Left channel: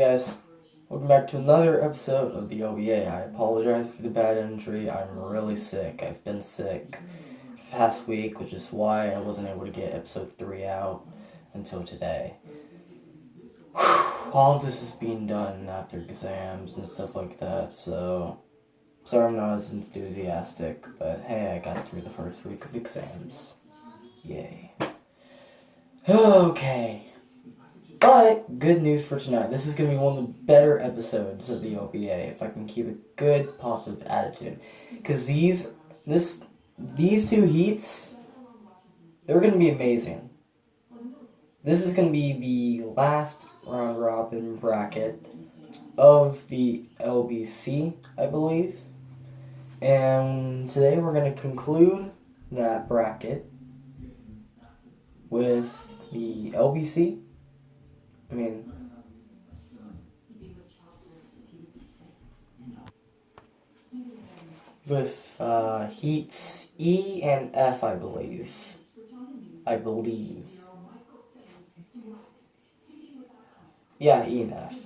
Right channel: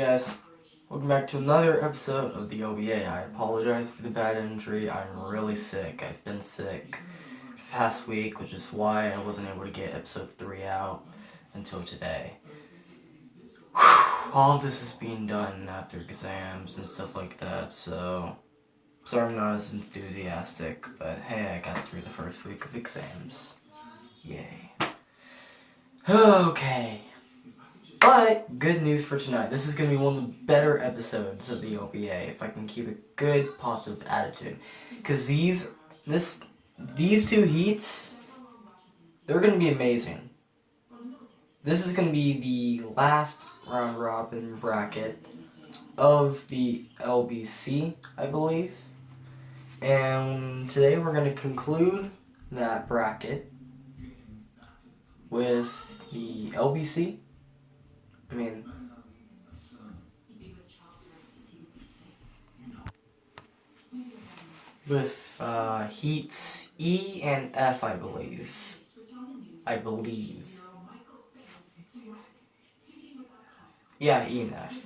guys, welcome back to another episode of the LBA. I apologize for the bad injury. I'm really sick. I've been sick for the past week, which is why I wasn't able to get episode 3 out until today. All of this is being done after exams and stuff like that, so sorry I'm not as enthusiastic, but hey, I got through the first week of exams. Yay. Okay. But, good news for tonight. This is going to be one of the better episodes of the LBA, if I can keep a good, positive attitude. Because these two heats, they're going to be amazing. This is going to be the last round-robin bracket of the LBC, I believe. And today we're going to conclude that bracket with the LBC. With heats E and F, I believe. Yeah, E and F.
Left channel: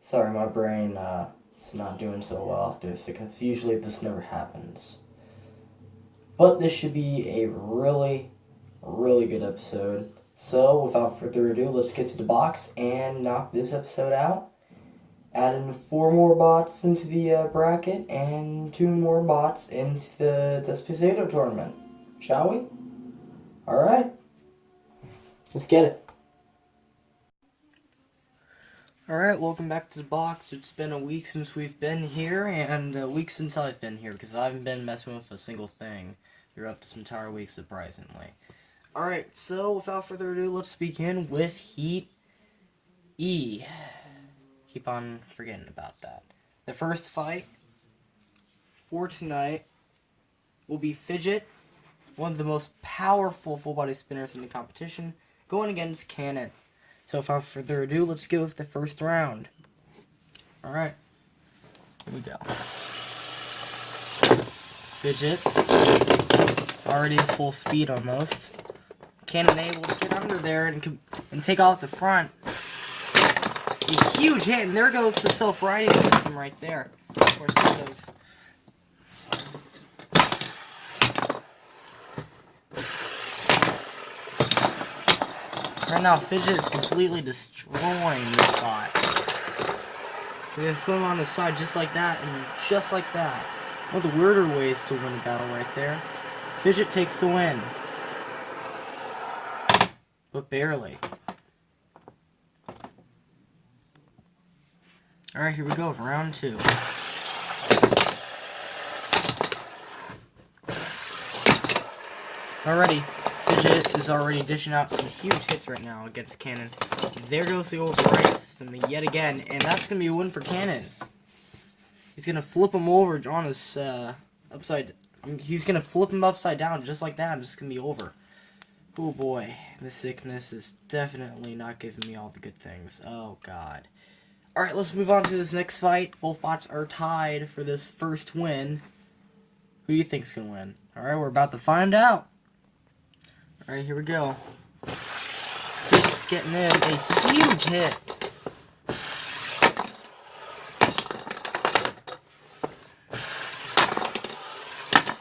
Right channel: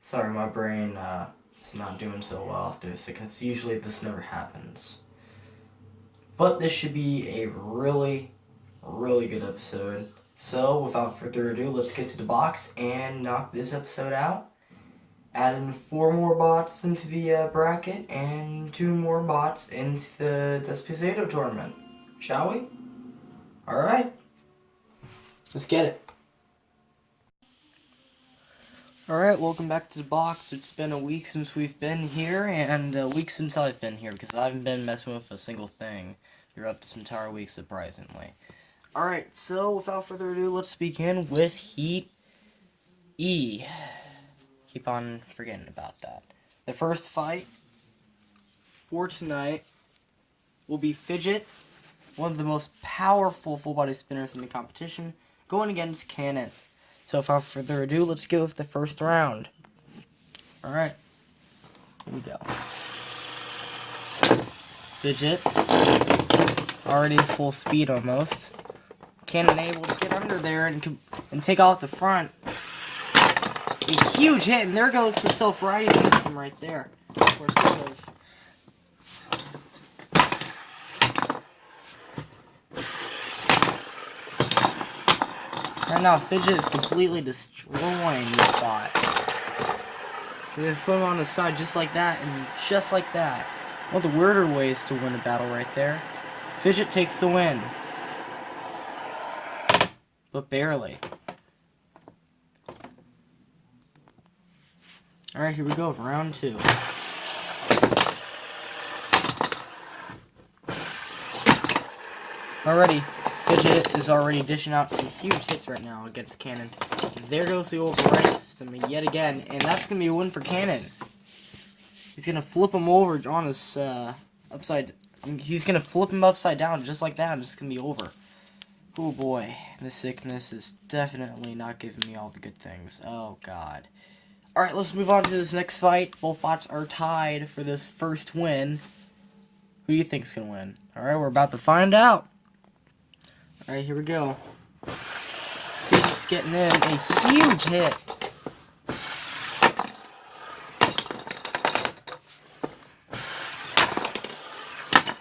Sorry, my brain is not doing so well after this, because usually this never happens. But this should be a really, really good episode. So, without further ado, let's get to the box and knock this episode out. Add in 4 more bots into the bracket and 2 more bots into the Despacito tournament. Shall we? Alright. Let's get it. Alright, welcome back to the box. It's been a week since we've been here, and a week since I've been here, because I haven't been messing with a single thing throughout this entire week, surprisingly. Alright, so without further ado, let's begin with Heat E. Keep on forgetting about that. The first fight for tonight will be Fidget, one of the most powerful full-body spinners in the competition, going against Cannon. So without further ado, let's go with the first round. Alright, here we go. Fidget, already full speed almost. Cannon able to get under there and take off the front. A huge hit, and there goes the self-righting system right there. Right now, Fidget is completely destroying this spot. We're going to put him on the side just like that, and just like that. One of the weirder ways to win a battle right there. Fidget takes the win. But barely. Alright, here we go for round 2. Alrighty, Fidget is already dishing out some huge hits right now against Cannon. There goes the override system yet again, and that's going to be a win for Cannon. He's going to flip him over on his he's going to flip him upside down just like that, and it's going to be over. Oh boy, this sickness is definitely not giving me all the good things. Oh god. Alright, let's move on to this next fight. Both bots are tied for this first win. Who do you think's gonna win? Alright, we're about to find out. Alright, here we go. Fidget's getting in a huge hit.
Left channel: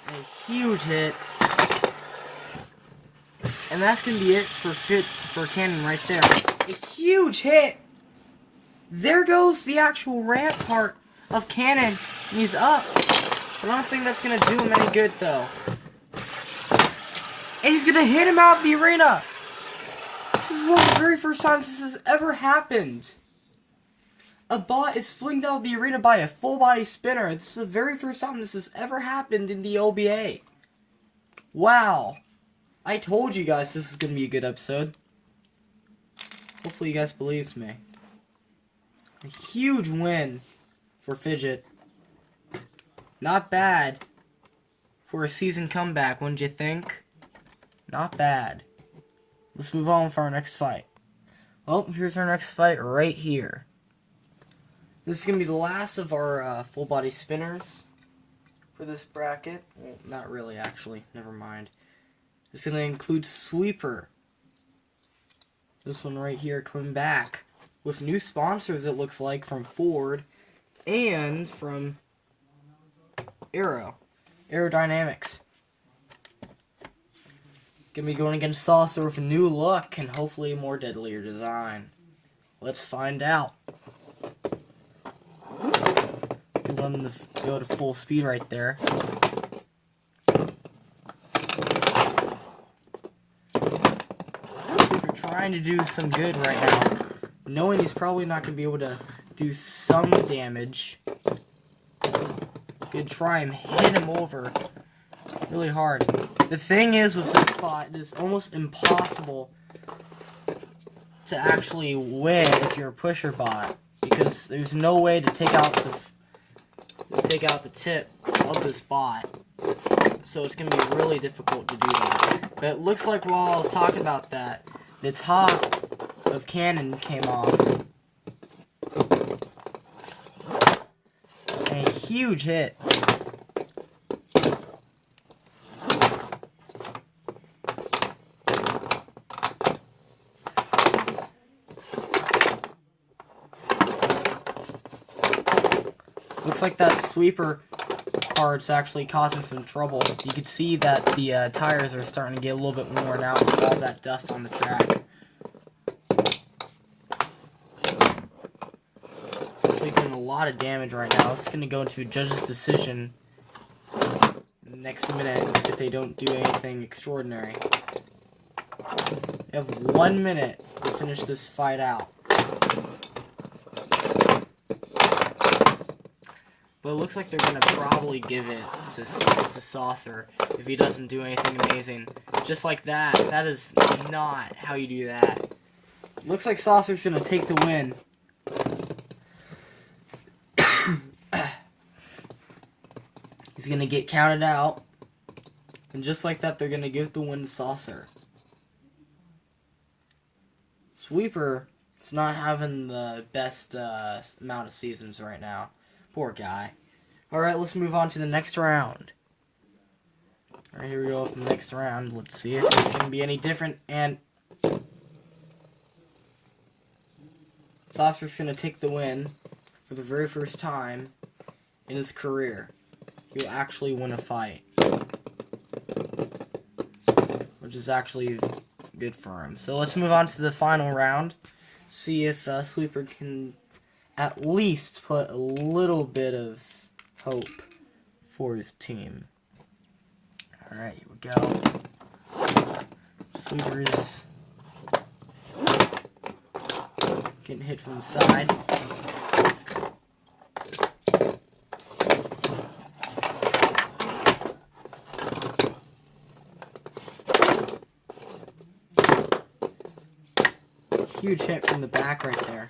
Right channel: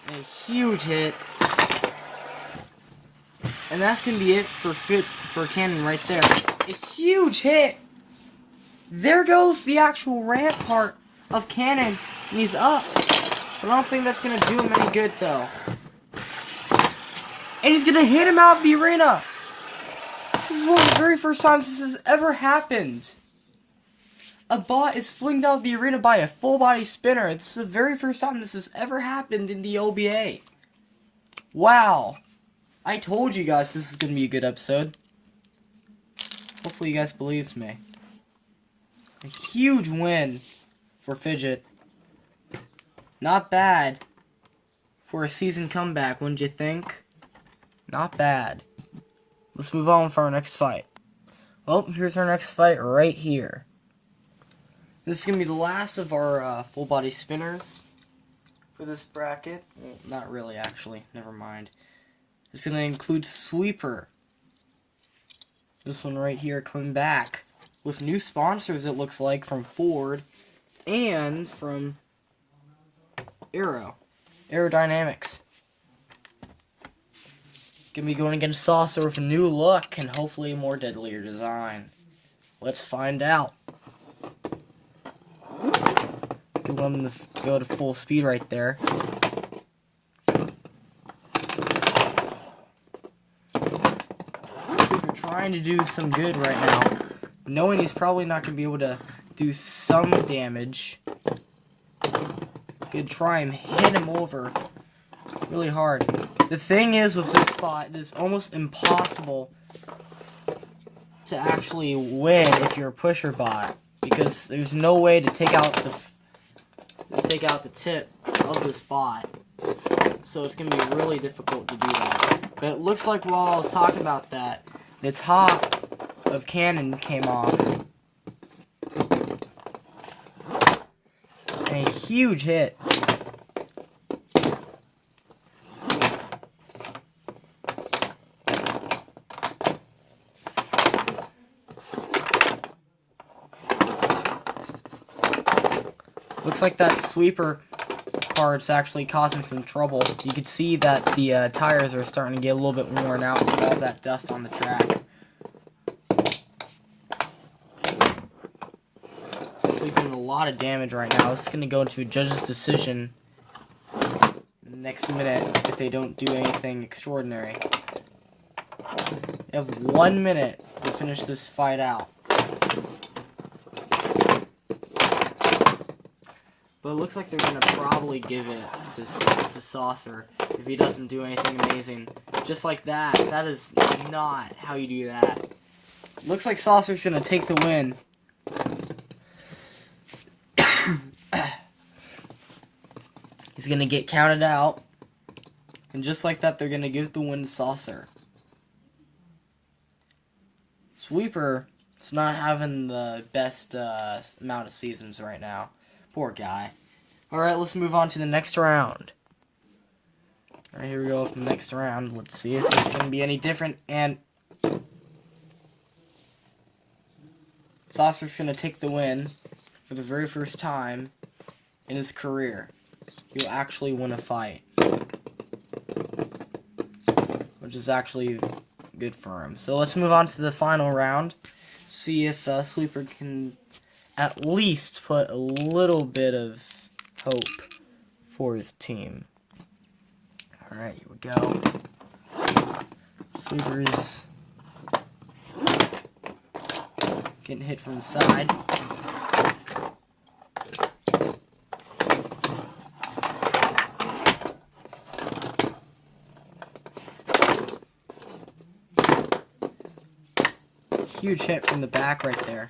A huge hit. And that's going to be it for Cannon right there. A huge hit! There goes the actual ramp part of Cannon. And he's up. I don't think that's going to do him any good, though. And he's going to hit him out of the arena! This is one of the very first times this has ever happened. A bot is flinged out of the arena by a full-body spinner. This is the very first time this has ever happened in the LBA. Wow. I told you guys this is going to be a good episode. Hopefully you guys believed me. A huge win for Fidget. Not bad for a season comeback, wouldn't you think? Not bad. Let's move on for our next fight. Well, here's our next fight right here. This is going to be the last of our full-body spinners for this bracket. Well, not really, actually. Never mind. It's going to include Sweeper. This one right here coming back with new sponsors, it looks like, from Ford and from Aerodynamics. Gonna be going against Saucer with a new look and hopefully a more deadlier design. Let's find out. We're going to go to full speed right there. We're trying to do some good right now, knowing he's probably not going to be able to do some damage. Good try and hit him over really hard. The thing is with this bot, it is almost impossible to actually win if you're a pusher bot, because there's no way to take out the tip of this bot. So it's gonna be really difficult to do that. But it looks like while I was talking about that, the top of cannon came off. And a huge hit. Looks like that sweeper part's actually causing some trouble. You can see that the tires are starting to get a little bit worn out with all that dust on the track. Actually doing a lot of damage right now. This is going to go into a judge's decision next minute if they don't do anything extraordinary. They have 1 minute to finish this fight out. But it looks like they're going to probably give it to Saucer if he doesn't do anything amazing. Just like that. That is not how you do that. Looks like Saucer's going to take the win. He's going to get counted out. And just like that, they're going to give the win to Saucer. Sweeper is not having the best amount of seasons right now. Poor guy. Alright, let's move on to the next round. Alright, here we go with the next round. Let's see if it's going to be any different. And Saucer's going to take the win for the very first time in his career. He'll actually win a fight. Which is actually good for him. So let's move on to the final round. See if Sweeper can at least put a little bit of hope for his team. Alright, here we go. Sweeper is getting hit from the side. Huge hit from the back right there.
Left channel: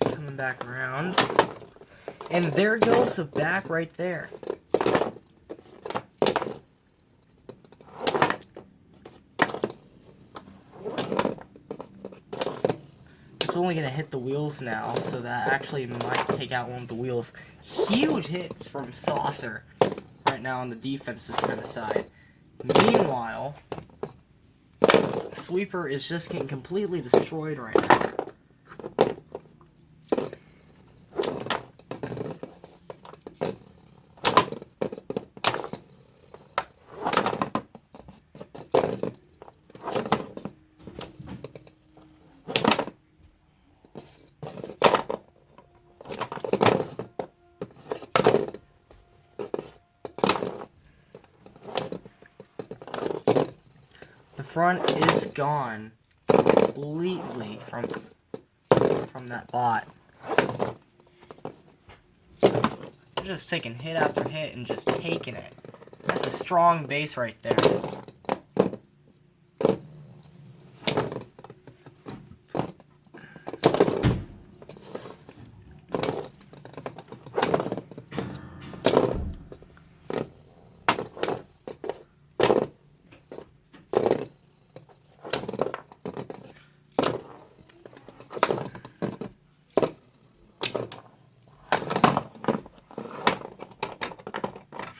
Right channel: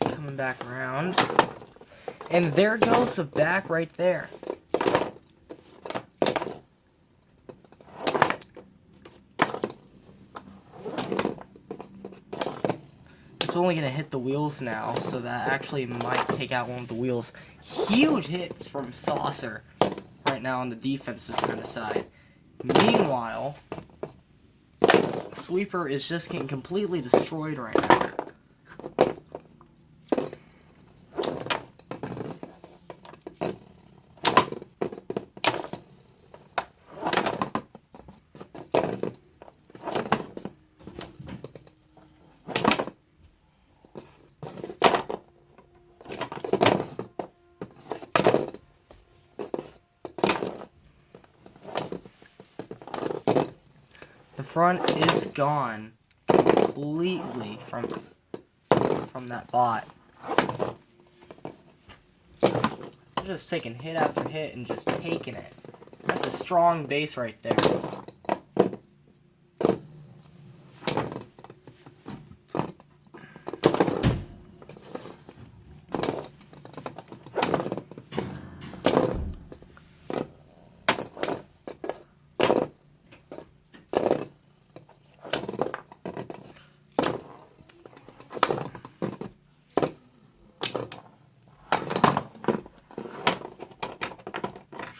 Coming back around. And there goes the back right there. It's only going to hit the wheels now, so that actually might take out one of the wheels. Huge hits from Saucer right now on the defensive kind of side. Meanwhile, Sweeper is just getting completely destroyed right now. The front is gone completely from that bot. They're just taking hit after hit and just taking it. That's a strong base right there.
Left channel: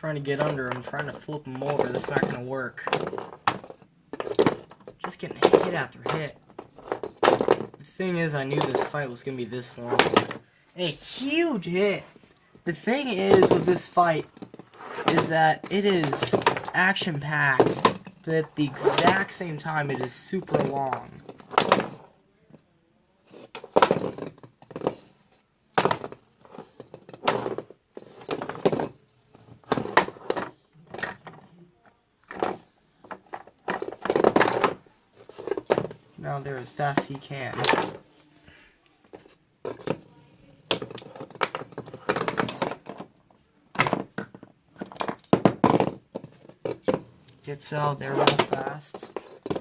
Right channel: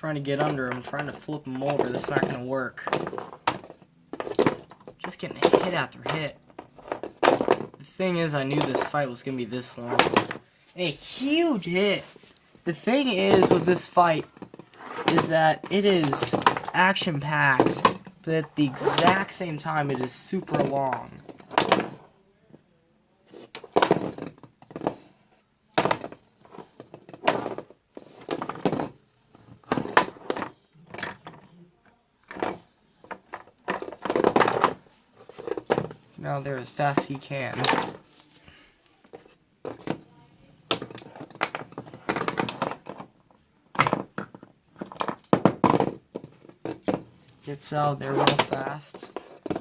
Trying to get under him, trying to flip him over. That's not gonna work. Just getting hit after hit. The thing is, I knew this fight was gonna be this long. A huge hit. The thing is with this fight is that it is action-packed, but at the exact same time, it is super long. Now there as fast as he can. Gets out there real fast.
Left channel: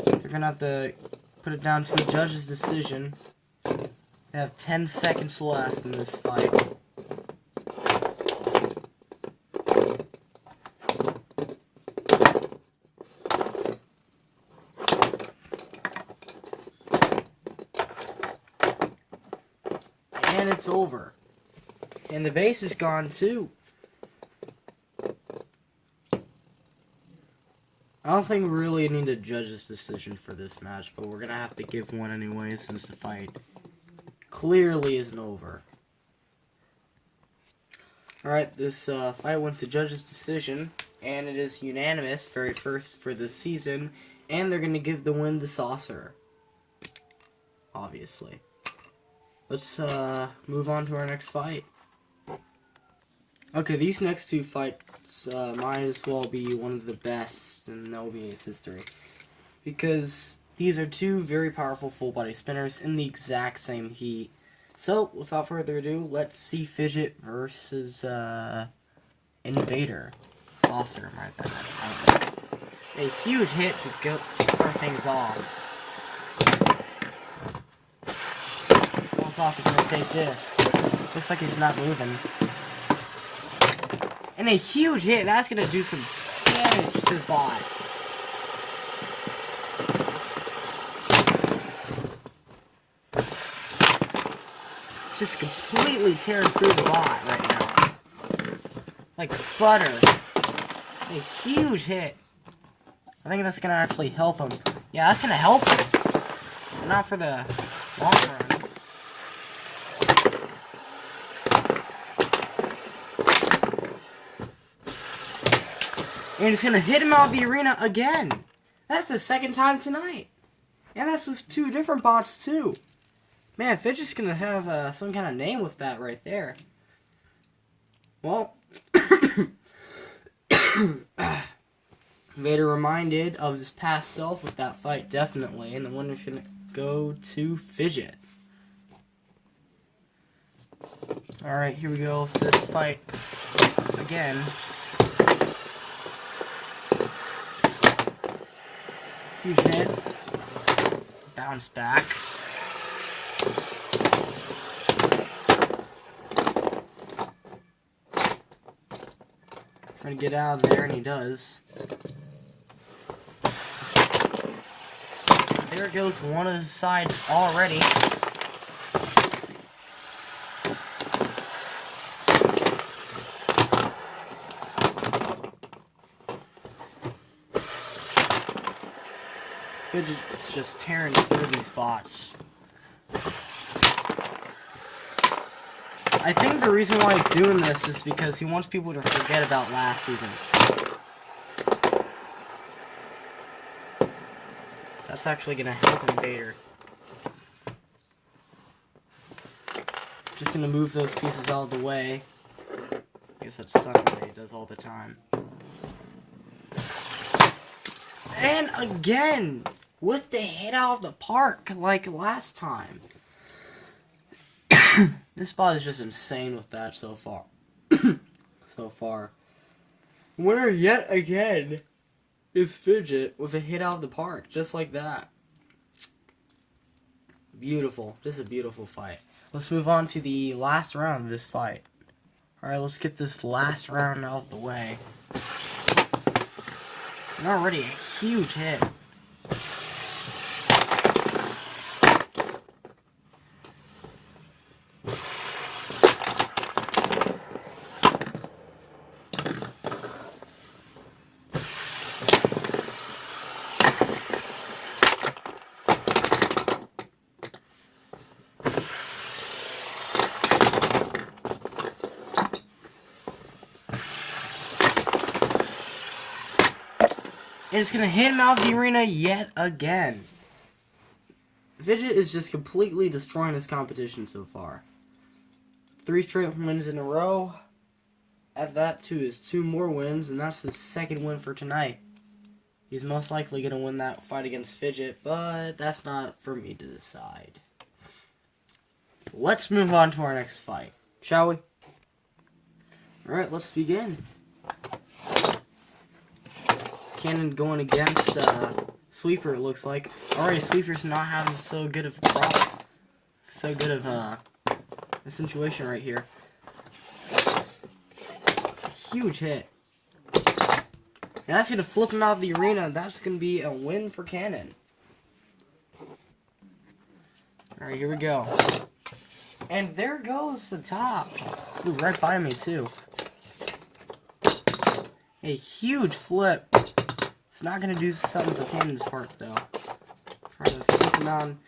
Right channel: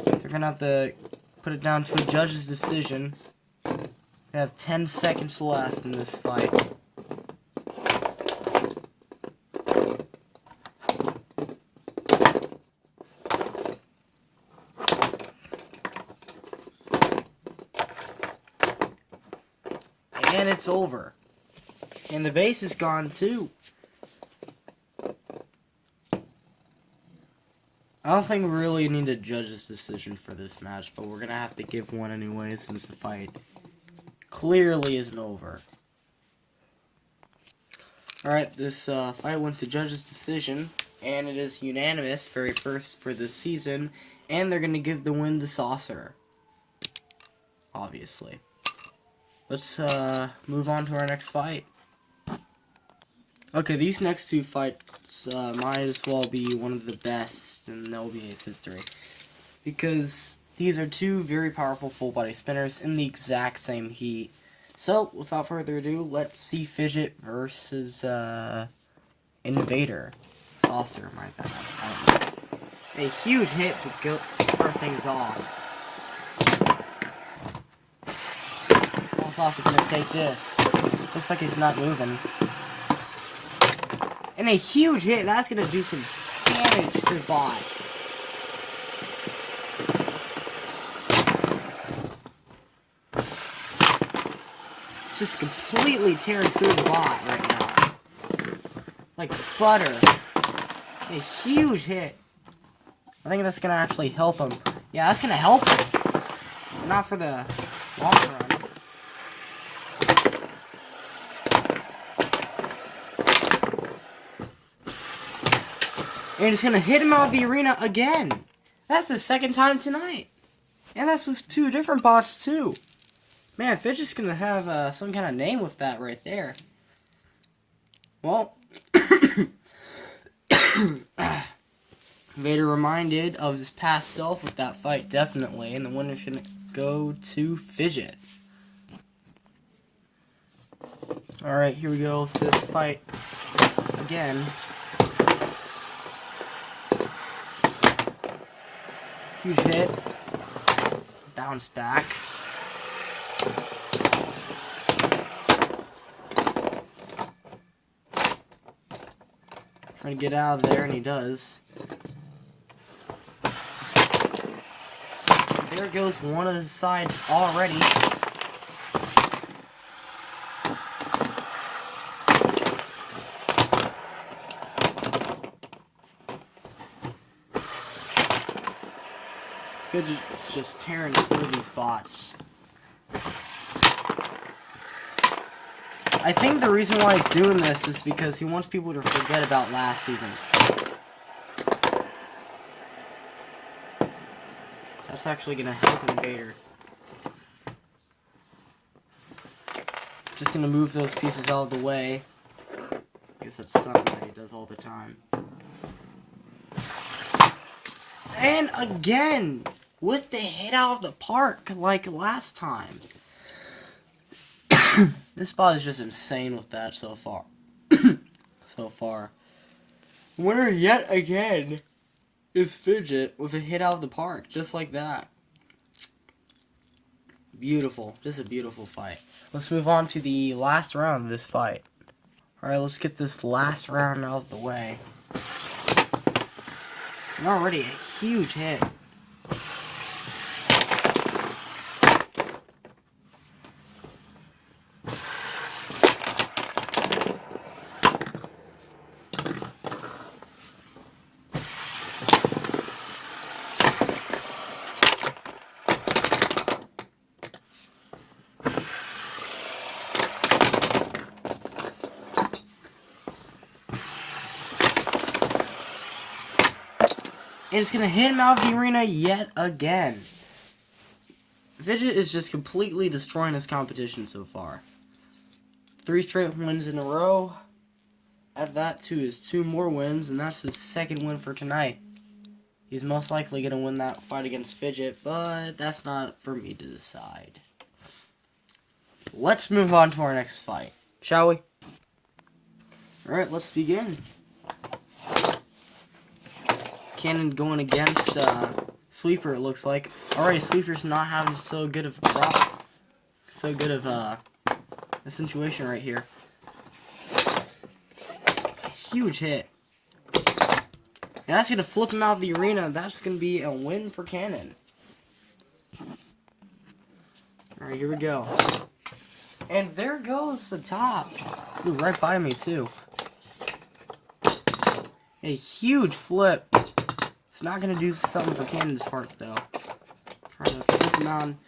They're gonna have to put it down to a judge's decision. They have 10 seconds left in this fight. And it's over. And the base is gone too. I don't think we really need a judge's decision for this match, but we're going to have to give one anyway since the fight clearly isn't over. Alright, this fight went to judge's decision, and it is unanimous, very first for this season, and they're going to give the win to Saucer. Obviously. Let's move on to our next fight. Okay, these next two fights might as well be one of the best in LBA's history. Because these are two very powerful full-body spinners in the exact same heat. So, without further ado, let's see Fidget versus Invader. Saucer, my bad. A huge hit to start things off. Saucer gonna take this. Looks like he's not moving. And a huge hit. That's gonna do some damage to the bot. Just completely tearing through the bot right now. Like butter. A huge hit. I think that's gonna actually help him. Yeah, that's gonna help him. But not for the long run. And he's going to hit him out of the arena again. That's the second time tonight. And that's with two different bots, too. Man, Fidget's going to have some kind of name with that right there. Well, Vader reminded of his past self with that fight, definitely. And the winner's going to go to Fidget. Alright, here we go for this fight again. Huge hit. Bounce back. Trying to get out of there, and he does. There goes one of the sides already. Fidget's just tearing through these bots. I think the reason why he's doing this is because he wants people to forget about last season. That's actually going to help Invader. Just going to move those pieces out of the way. I guess that's something that he does all the time. And again, with the hit out of the park, like last time. This bot is just insane with that so far. Winner yet again is Fidget with a hit out of the park, just like that. Beautiful. Just a beautiful fight. Let's move on to the last round of this fight. Alright, let's get this last round out of the way. And already a huge hit. And it's going to hit him out of the arena yet again. Fidget is just completely destroying his competition so far. 3 straight wins in a row. Add that to his 2 more wins, and that's his 2nd win for tonight. He's most likely going to win that fight against Fidget, but that's not for me to decide. Let's move on to our next fight, shall we? Alright, let's begin. Cannon going against Sweeper, it looks like. Already, Sweeper's not having so good of a situation right here. Huge hit. And that's going to flip him out of the arena. That's going to be a win for Cannon. Alright, here we go. And there goes the top. Flew right by me, too. A huge flip. It's not going to do something for Cannon's part, though. Trying to flip him on.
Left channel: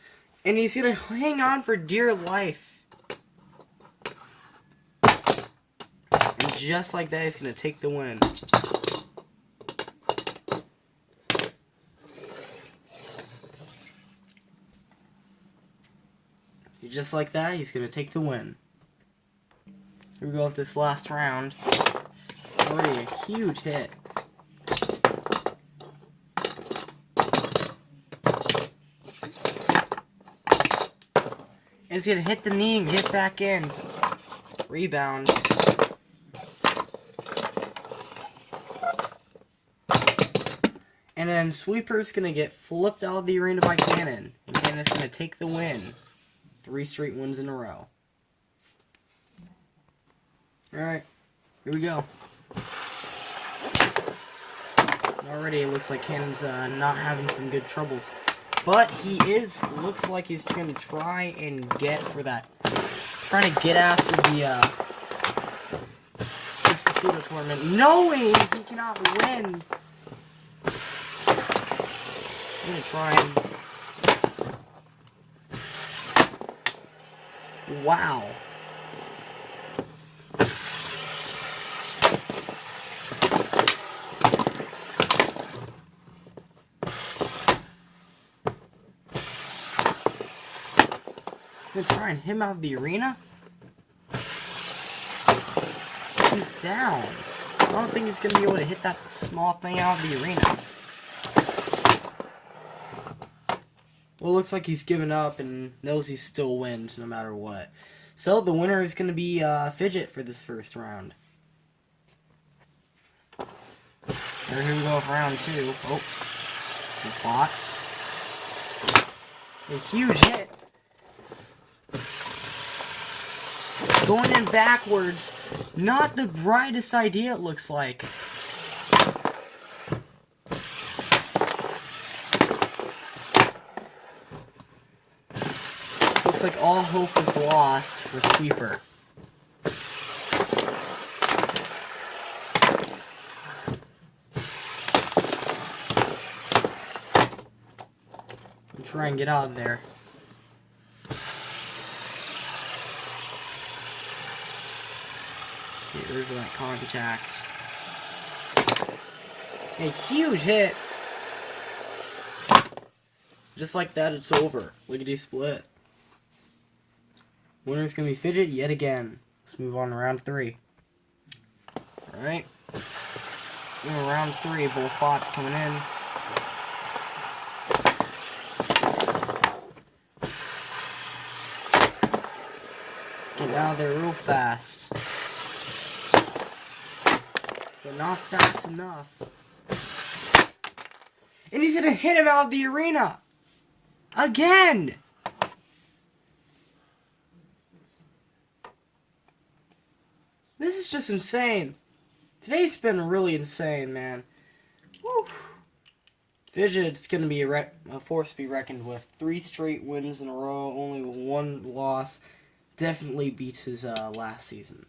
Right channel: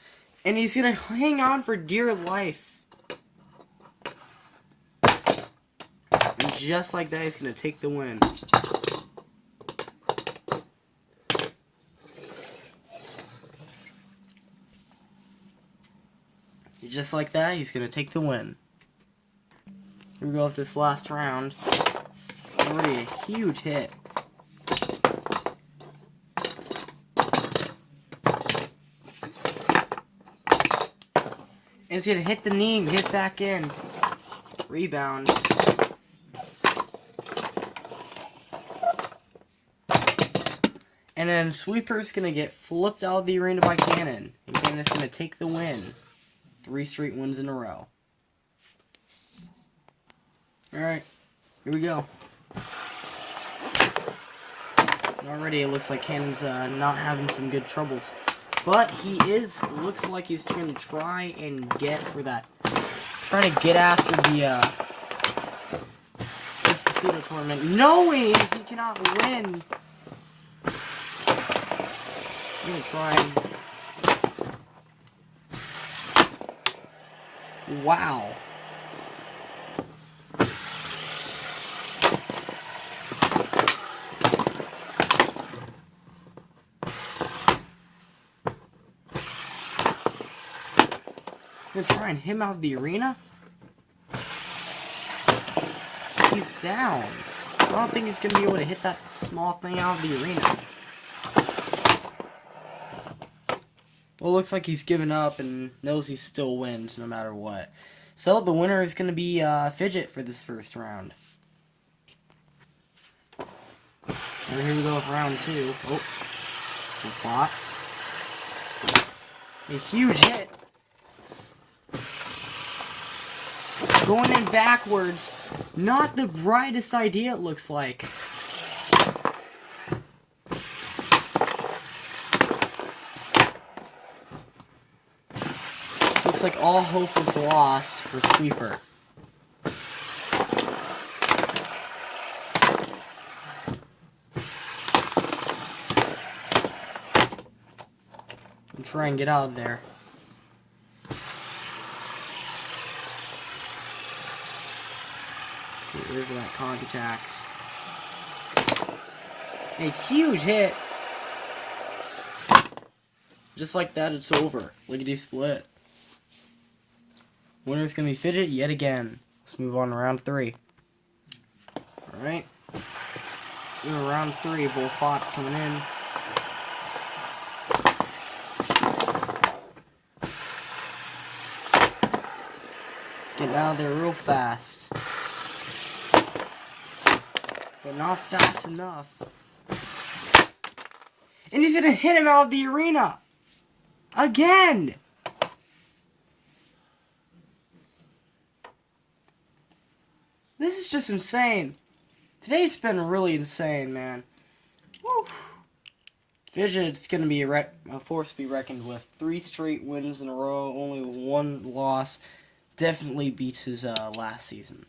And he's going to hang on for dear life. And just like that, he's going to take the win. Just like that, he's going to take the win. Here we go with this last round. Already a huge hit. And he's going to hit the knee and get back in. Rebound. And then Sweeper's going to get flipped out of the arena by Cannon. And Cannon's going to take the win. 3 straight wins in a row. Alright, here we go. Already it looks like Cannon's not having some good troubles. But he looks like he's going to try and get for that. Trying to get after the Despacito tournament, knowing he cannot win. I'm going to try and... Wow. They're trying him out of the arena? He's down. I don't think he's going to be able to hit that small thing out of the arena. Well, it looks like he's given up and knows he still wins no matter what. So, the winner is going to be Fidget for this first round. And here we go with round 2. Oh, the bots. A huge hit. Going in backwards. Not the brightest idea, it looks like. Looks like all hope is lost for Sweeper. And try and get out of there. Get rid of that contact. A huge hit. Just like that, it's over. Lickety split. Winner's gonna be Fidget yet again. Let's move on to round 3. Alright. Round 3, both bots coming in. Get out of there real fast. But not fast enough. And he's gonna hit him out of the arena! Again! This is just insane. Today's been really insane, man. Woo. Fidget's gonna be a force to be reckoned with. 3 straight wins in a row, only 1 loss. Definitely beats his last season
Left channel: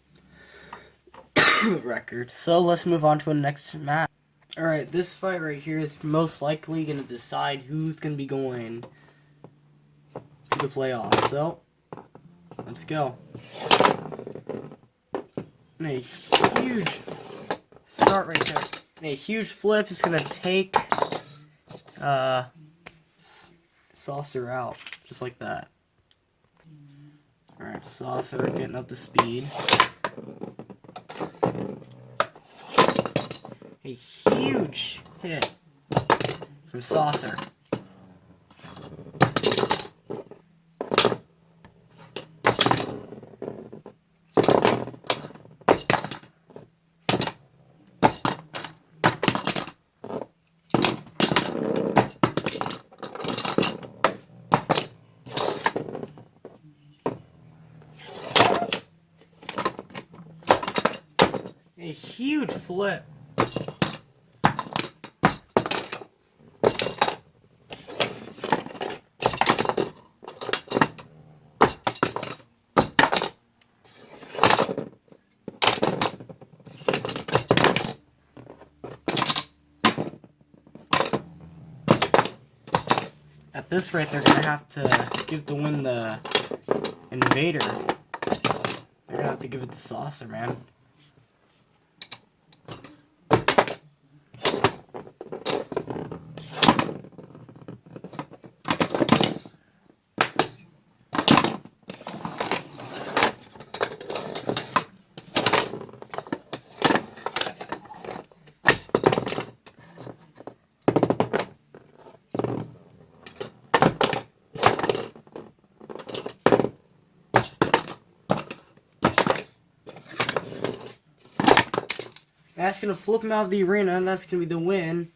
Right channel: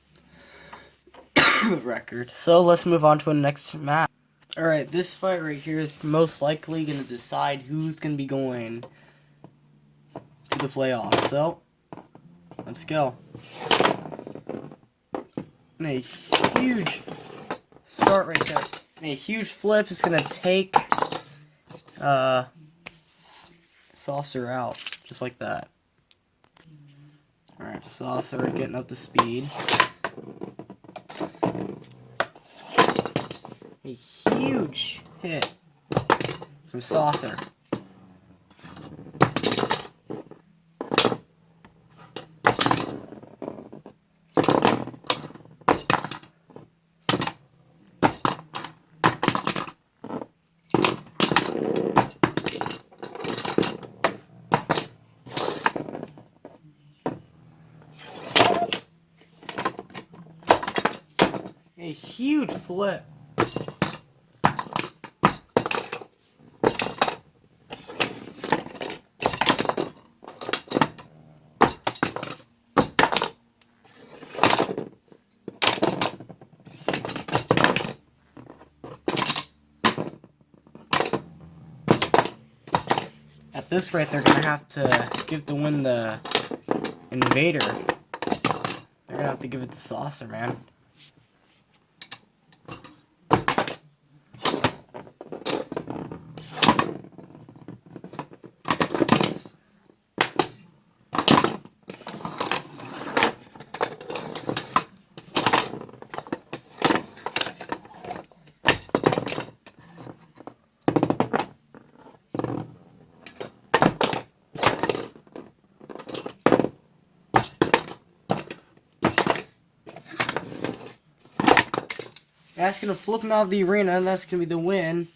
record. So let's move on to the next match. Alright, this fight right here is most likely gonna decide who's gonna be going to the playoffs. So, let's go. And a huge start right there. And a huge flip is going to take Saucer out, just like that. Alright, Saucer getting up to speed. A huge hit from Saucer. A huge flip. At this rate, they're gonna have to give the win the Invader. They're gonna have to give it to Saucer, man. That's going to flip him out of the arena, and that's going to be the win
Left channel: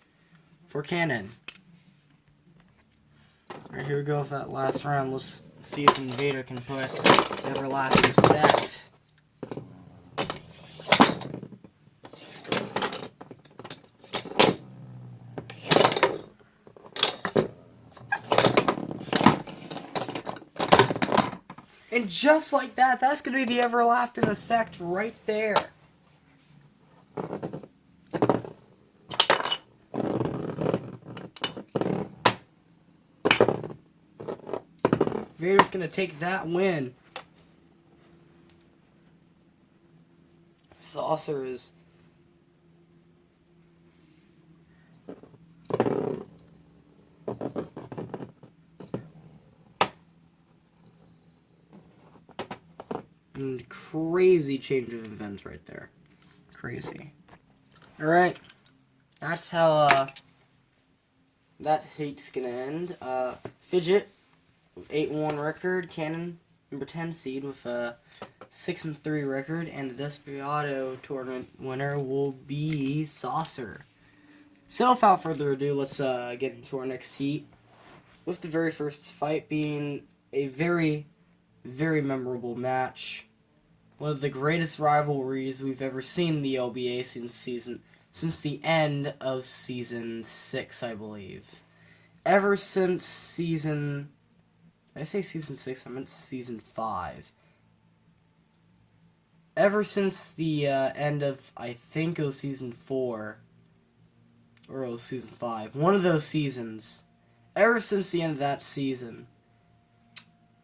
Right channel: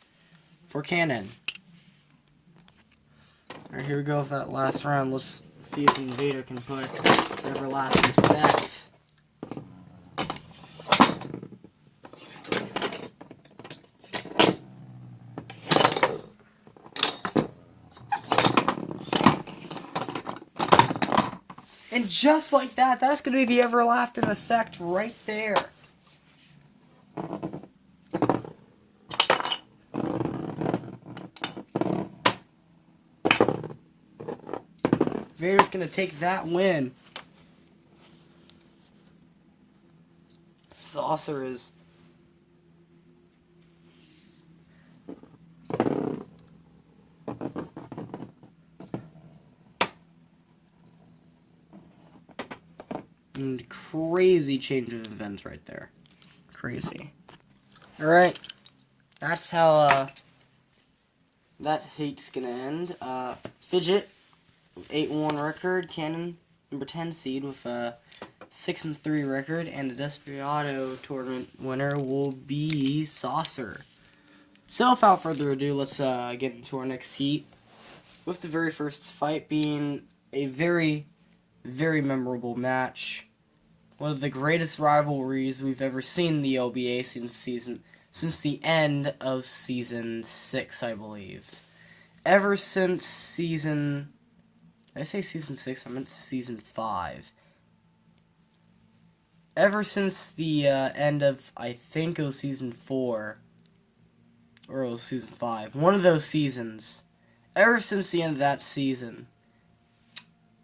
for Cannon. Alright, here we go with that last round. Let's see if Invader can put everlasting effect. And just like that, that's going to be the everlasting effect right there. Vader's going to take that win. Saucer is... and crazy change of events right there. Crazy. Alright. That's how that heat's going to end. Fidget. 8-1 record, Cannon number 10 seed with a 6-3 record, and the Desperado tournament winner will be Saucer. So without further ado, let's get into our next heat, with the very first fight being a very, very memorable match. One of the greatest rivalries we've ever seen in the LBA since the end of season 6, I believe. Ever since season... Did I say season 6? I meant season 5. Ever since the end of, I think it was season 4, or it was season 5, one of those seasons, ever since the end of that season,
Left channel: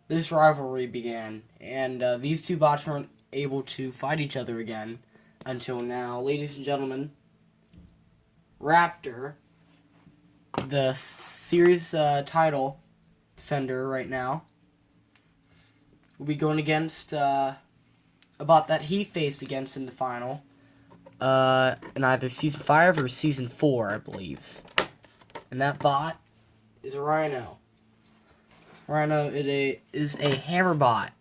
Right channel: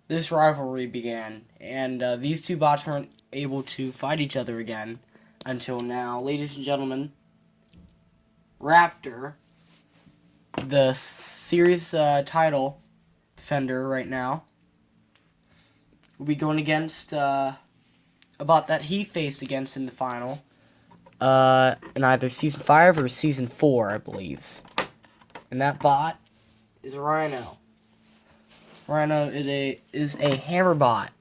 this rivalry began, and these two bots weren't able to fight each other again until now. Ladies and gentlemen, Raptor, the series title defender right now, will be going against a bot that he faced against in the final in either season 5 or season 4, I believe. And that bot is Rhino. Rhino is a hammer bot.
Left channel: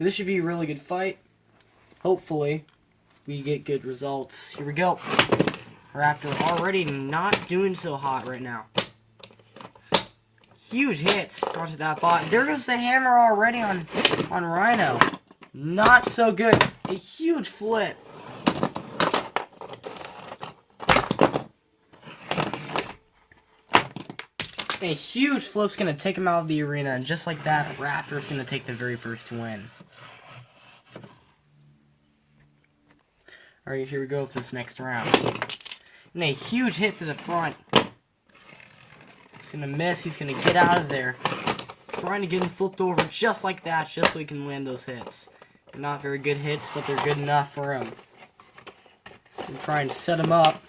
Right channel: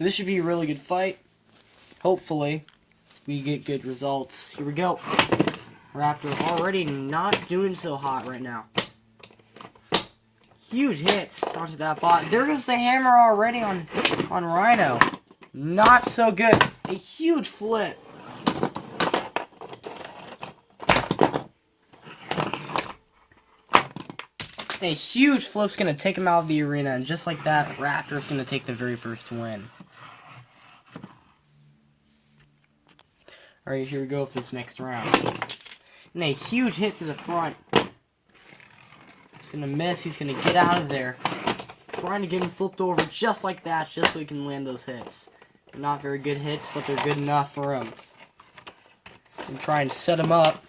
This should be a really good fight. Hopefully we get good results. Here we go. Raptor already not doing so hot right now. Huge hits onto that bot. There goes the hammer already on Rhino. Not so good. A huge flip. A huge flip's going to take him out of the arena. And just like that, Raptor's going to take the very first win. Alright, here we go with this next round. And a huge hit to the front. He's going to miss. He's going to get out of there. Trying to get him flipped over just like that, just so he can land those hits. They're not very good hits, but they're good enough for him. And try and set him up.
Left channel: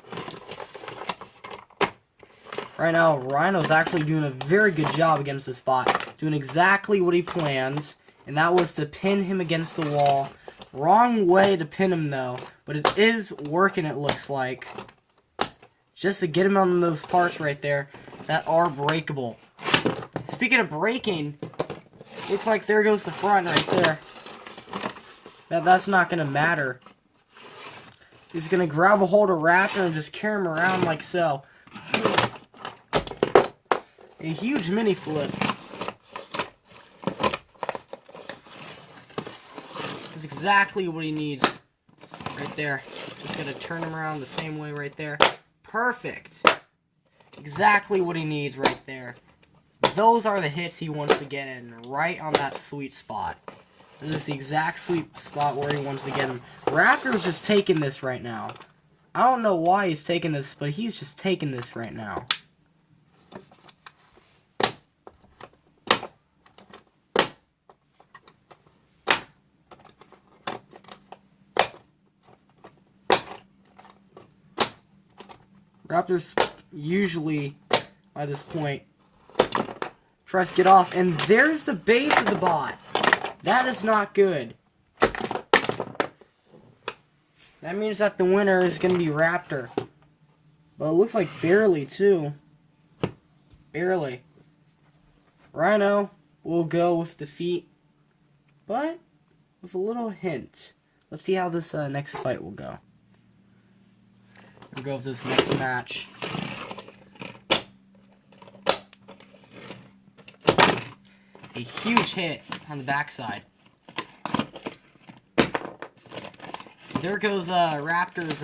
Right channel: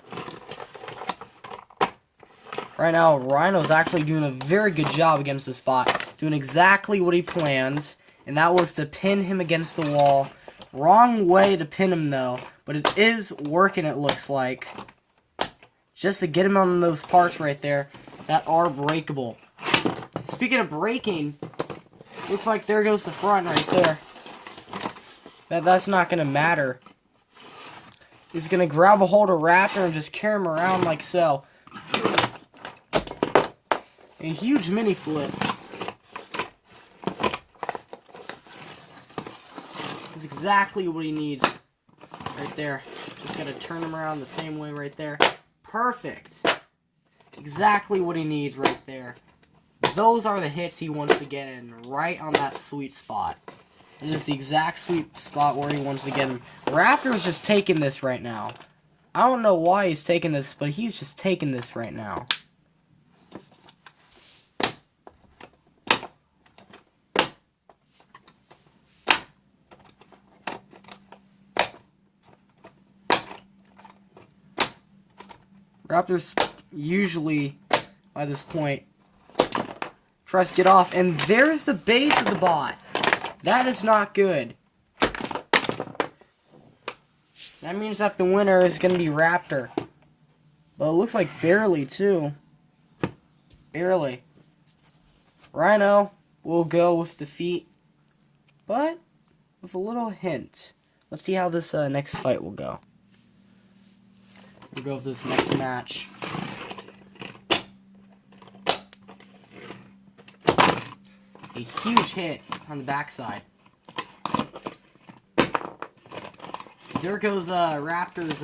Right now, Rhino's actually doing a very good job against this bot. Doing exactly what he plans. And that was to pin him against the wall. Wrong way to pin him, though. But it is working, it looks like. Just to get him on those parts right there that are breakable. Speaking of breaking, looks like there goes the front right there. That's not going to matter. He's going to grab a hold of Raptor and just carry him around like so. A huge mini flip. That's exactly what he needs right there. Just got to turn him around the same way right there. Perfect. Exactly what he needs right there. Those are the hits he wants to get in, right on that sweet spot. This is the exact sweet spot where he wants to get in. Raptor's just taking this right now. I don't know why he's taking this, but he's just taking this right now. Raptor's usually, by this point, tries to get off, and there's the base of the bot. That is not good. That means that the winner is going to be Raptor. Well, it looks like barely, too. Barely. Rhino will go with defeat, but with a little hint. Let's see how this next fight will go. We'll go with this next match. A huge hit on the backside. There goes Raptor's,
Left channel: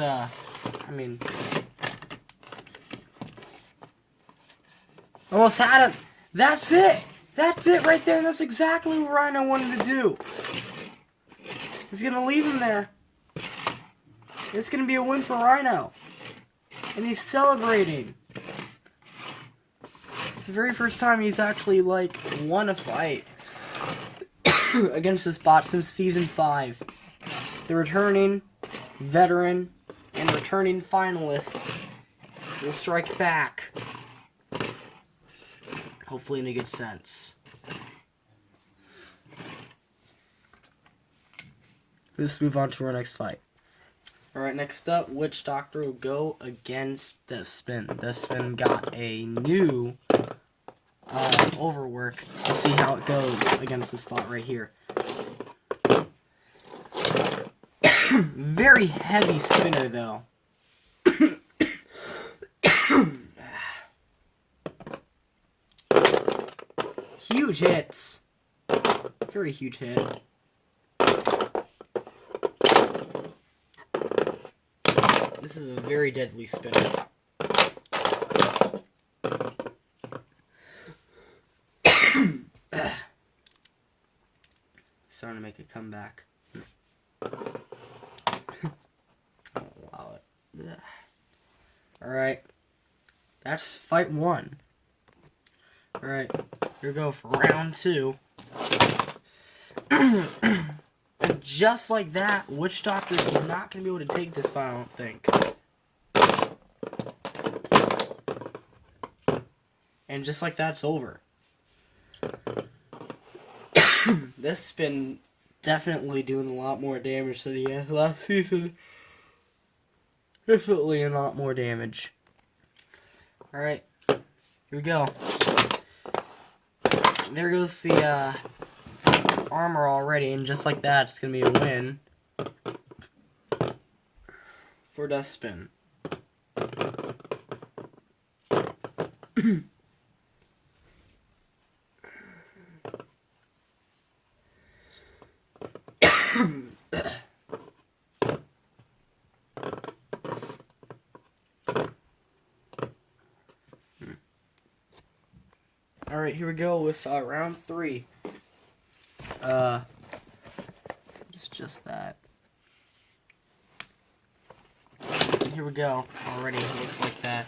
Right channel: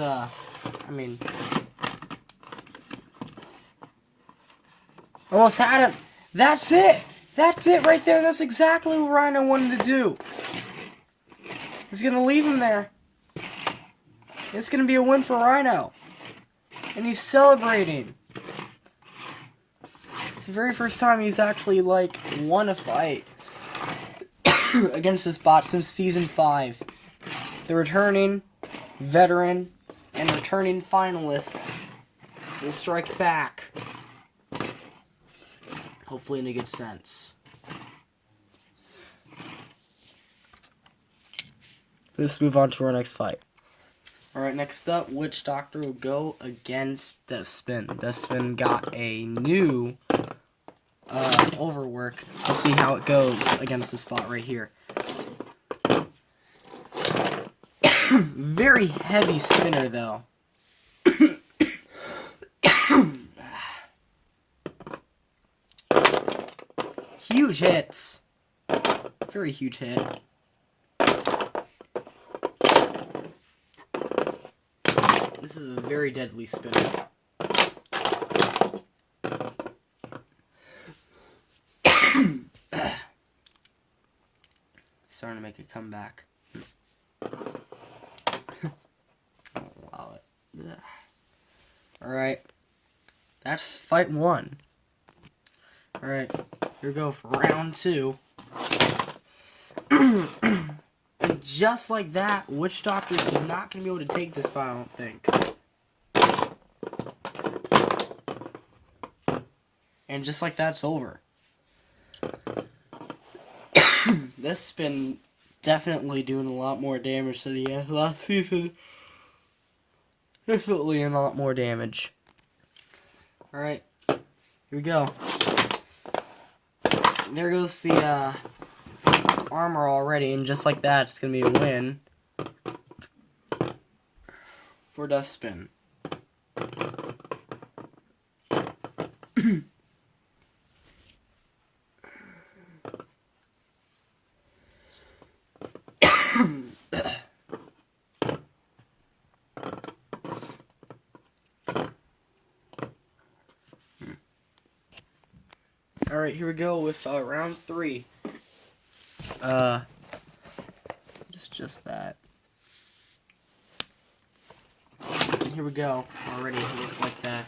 almost had him. That's it. That's it right there. That's exactly what Rhino wanted to do. He's going to leave him there. It's going to be a win for Rhino. And he's celebrating. It's the very first time he's actually, like, won a fight against this bot since Season 5. The returning veteran and returning finalist will strike back. Hopefully in a good sense. Let's move on to our next fight. Alright, next up, Witch Doctor will go against Deathspin. Deathspin got a new overwork. We'll see how it goes against the spot right here. Very heavy spinner, though. Huge hits. Very huge hit. This is a very deadly spinner. Starting to make a comeback. Allow it. Alright. That's fight 1. Alright. Here we go for round 2. And just like that, Witch Doctor is not going to be able to take this fight, I don't think. And just like that, it's over. This has been definitely doing a lot more damage than he had last season. Definitely a lot more damage. Alright, here we go. There goes the armor already, and just like that, it's gonna be a win for Deathspin. Alright, here we go with round 3. It's just that. Here we go. Already it looks like that.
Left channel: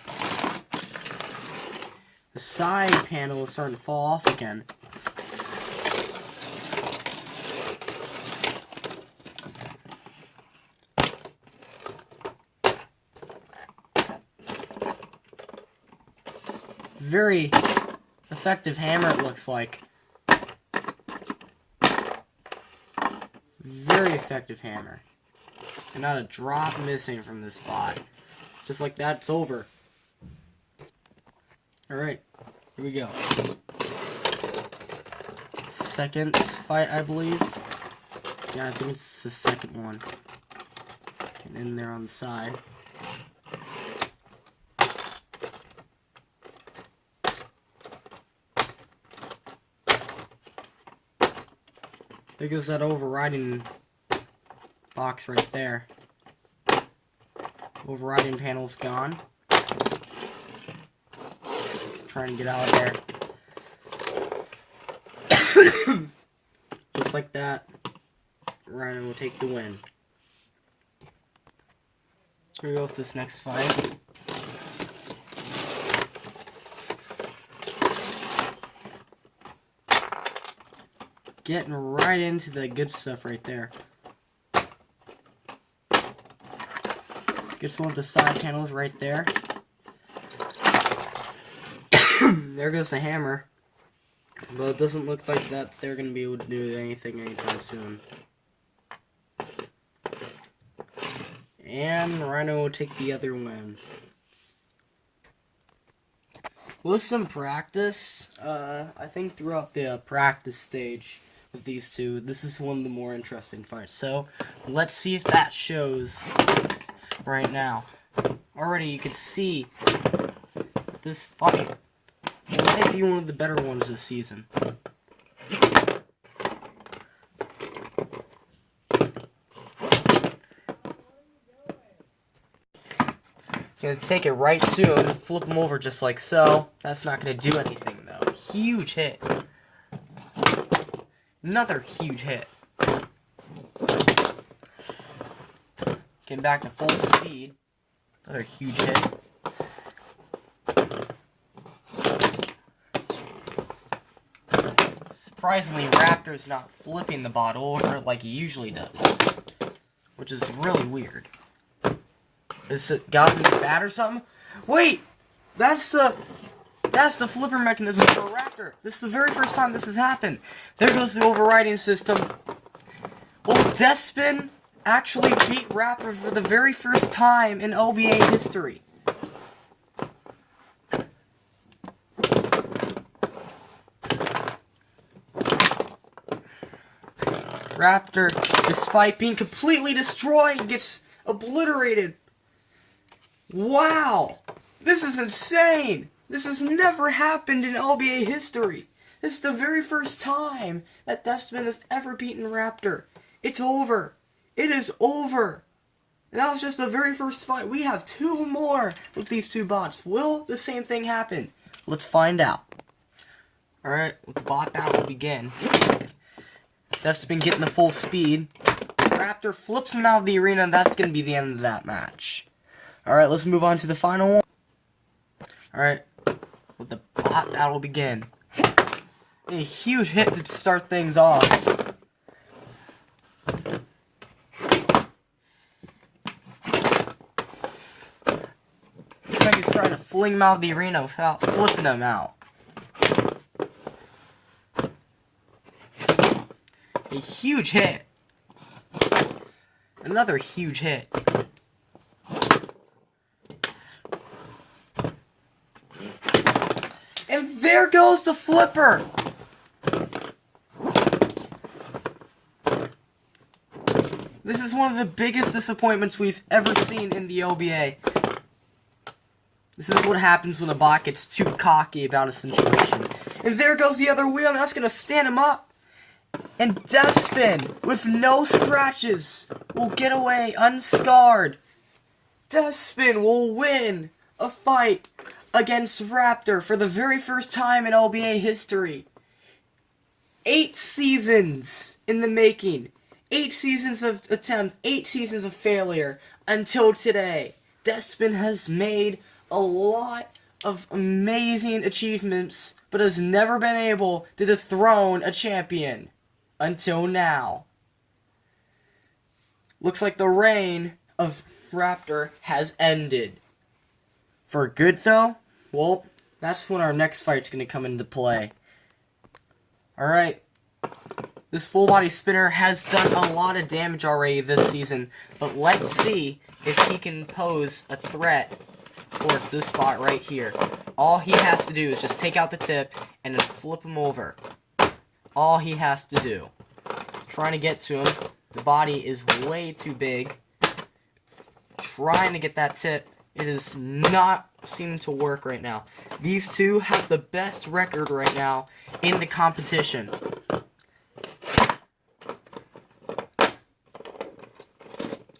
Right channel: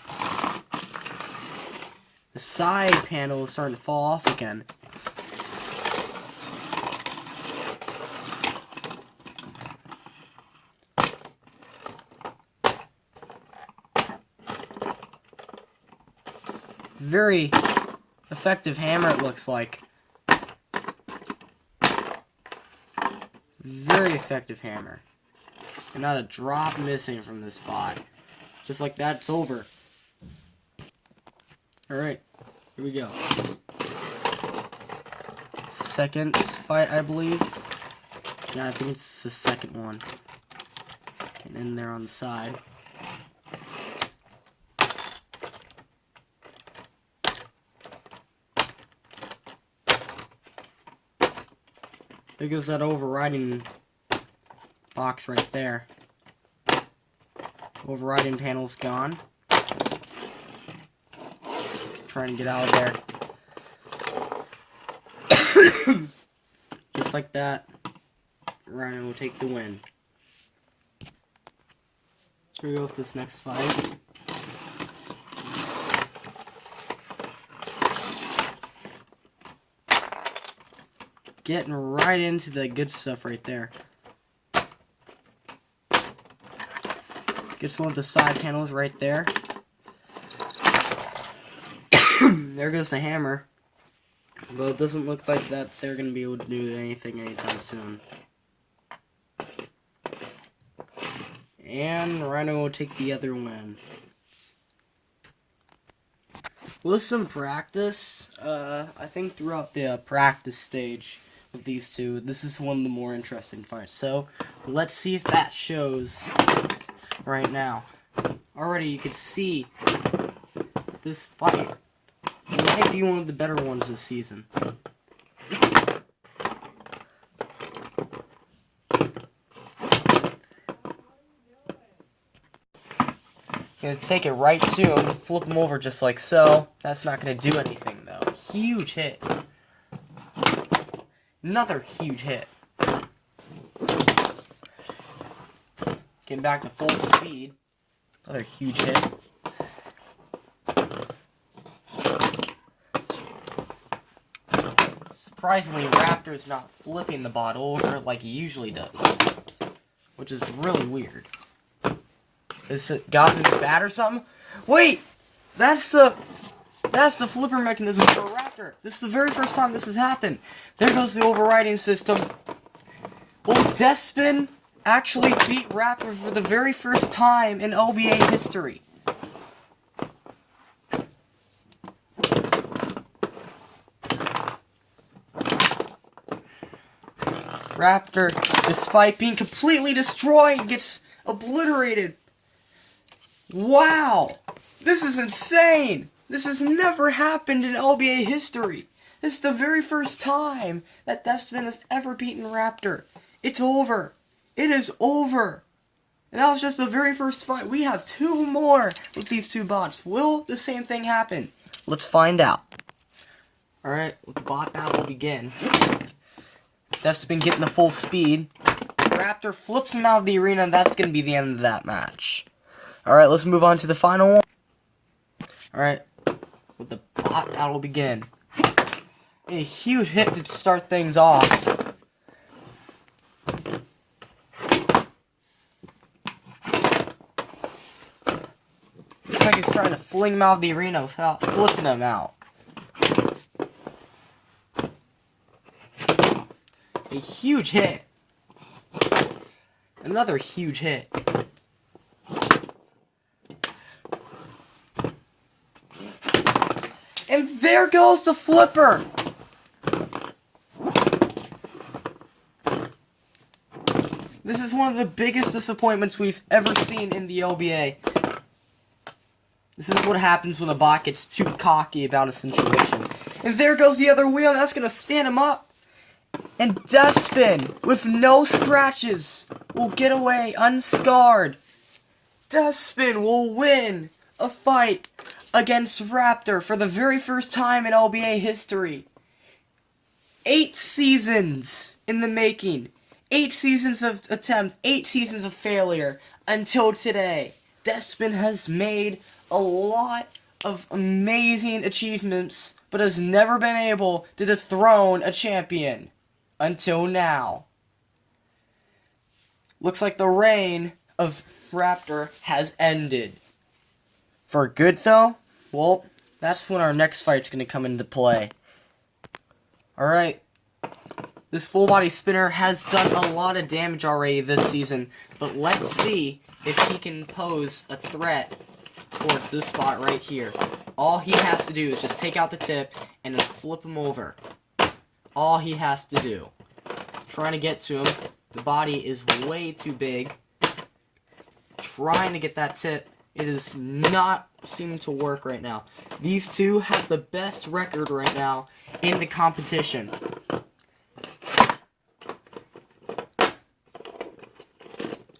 The side panel is starting to fall off again. Very effective hammer, it looks like. Very effective hammer. Not a drop missing from this bot. Just like that, it's over. Alright, here we go. Second fight, I believe. Yeah, I think it's the second one. Getting in there on the side. There goes that overriding box right there. Overriding panel's gone. Trying to get out of there. Just like that, Rhino will take the win. Here we go with this next fight. Getting right into the good stuff right there. Gets one with the side panels right there. There goes the hammer. But it doesn't look like that they're going to be able to do anything anytime soon. And Rhino will take the other win. With some practice, I think throughout the practice stage of these two, this is one of the more interesting fights. So, let's see if that shows right now. Already you can see this fight. It might be one of the better ones this season. Gonna take it right to him, flip him over just like so. That's not gonna do anything though. Huge hit. Another huge hit. Getting back to full speed. Another huge hit. Surprisingly, Raptor's not flipping the bot over like he usually does, which is really weird. Is it got him bad or something? Wait, that's the flipper mechanism for Raptor. This is the very first time this has happened. There goes the overriding system. Will Deathspin actually beat Raptor for the very first time in LBA history? Raptor, despite being completely destroyed, gets obliterated. Wow! This is insane! This has never happened in LBA history. This is the very first time that Deathspin has ever beaten Raptor. It's over. It is over. And that was just the very first fight. We have two more with these two bots. Will the same thing happen? Let's find out. Alright, let the bot battle begin. Deathspin getting the full speed. Raptor flips him out of the arena, and that's going to be the end of that match. Alright, let's move on to the final one. Alright, let the bot battle begin. A huge hit to start things off. Looks like he's trying to fling him out of the arena without flipping him out. A huge hit. Another huge hit. And there goes the flipper. This is one of the biggest disappointments we've ever seen in the LBA. This is what happens when a bot gets too cocky about a situation. And there goes the other wheel, and that's going to stand him up. And Deathspin, with no scratches, will get away unscarred. Deathspin will win a fight against Raptor for the very first time in LBA history. 8 seasons in the making. 8 seasons of attempts, 8 seasons of failure, until today. Deathspin has made a lot of amazing achievements, but has never been able to dethrone a champion. Until now. Looks like the reign of Raptor has ended. For good, though? Well, That's when our next fight's going to come into play. Alright. This full body spinner has done a lot of damage already this season, but let's see if he can pose a threat towards this spot right here. All he has to do is just take out the tip and then flip him over. All he has to do. Trying to get to him. The body is way too big. Trying to get that tip. It is not seeming to work right now. These two have the best record right now in the competition.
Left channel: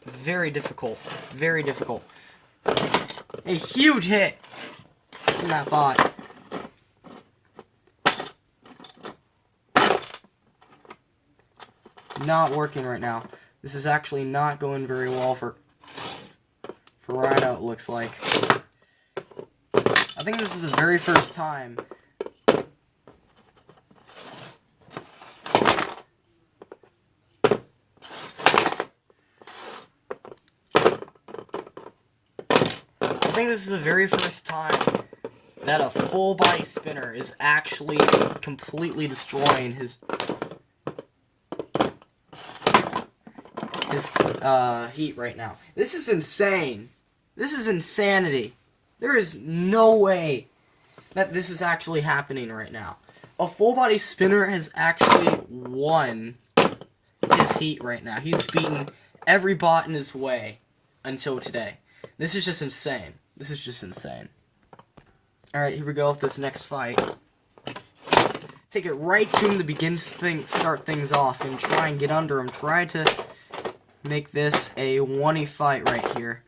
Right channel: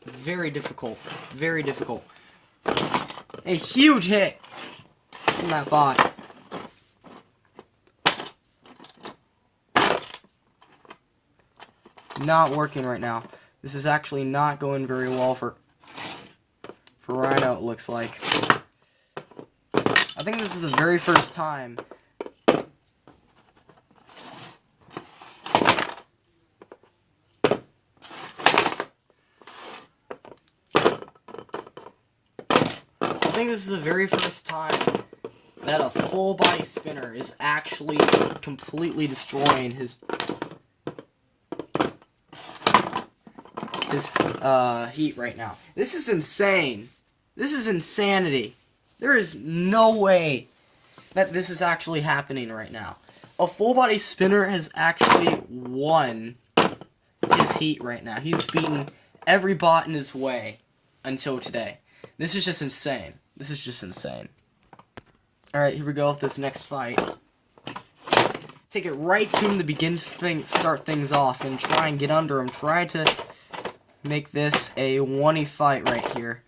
Very difficult. Very difficult. A huge hit from that bot. Not working right now. This is actually not going very well for Rhino, it looks like. I think this is the very first time that a full body spinner is actually completely destroying his heat right now. This is insane. This is insanity. There is no way that this is actually happening right now. A full body spinner has actually won his heat right now. He's beaten every bot in his way until today. This is just insane. This is just insane. Alright, here we go with this next fight. Take it right to him to begin to start things off and try and get under him. Try to make this a 1-y fight right here.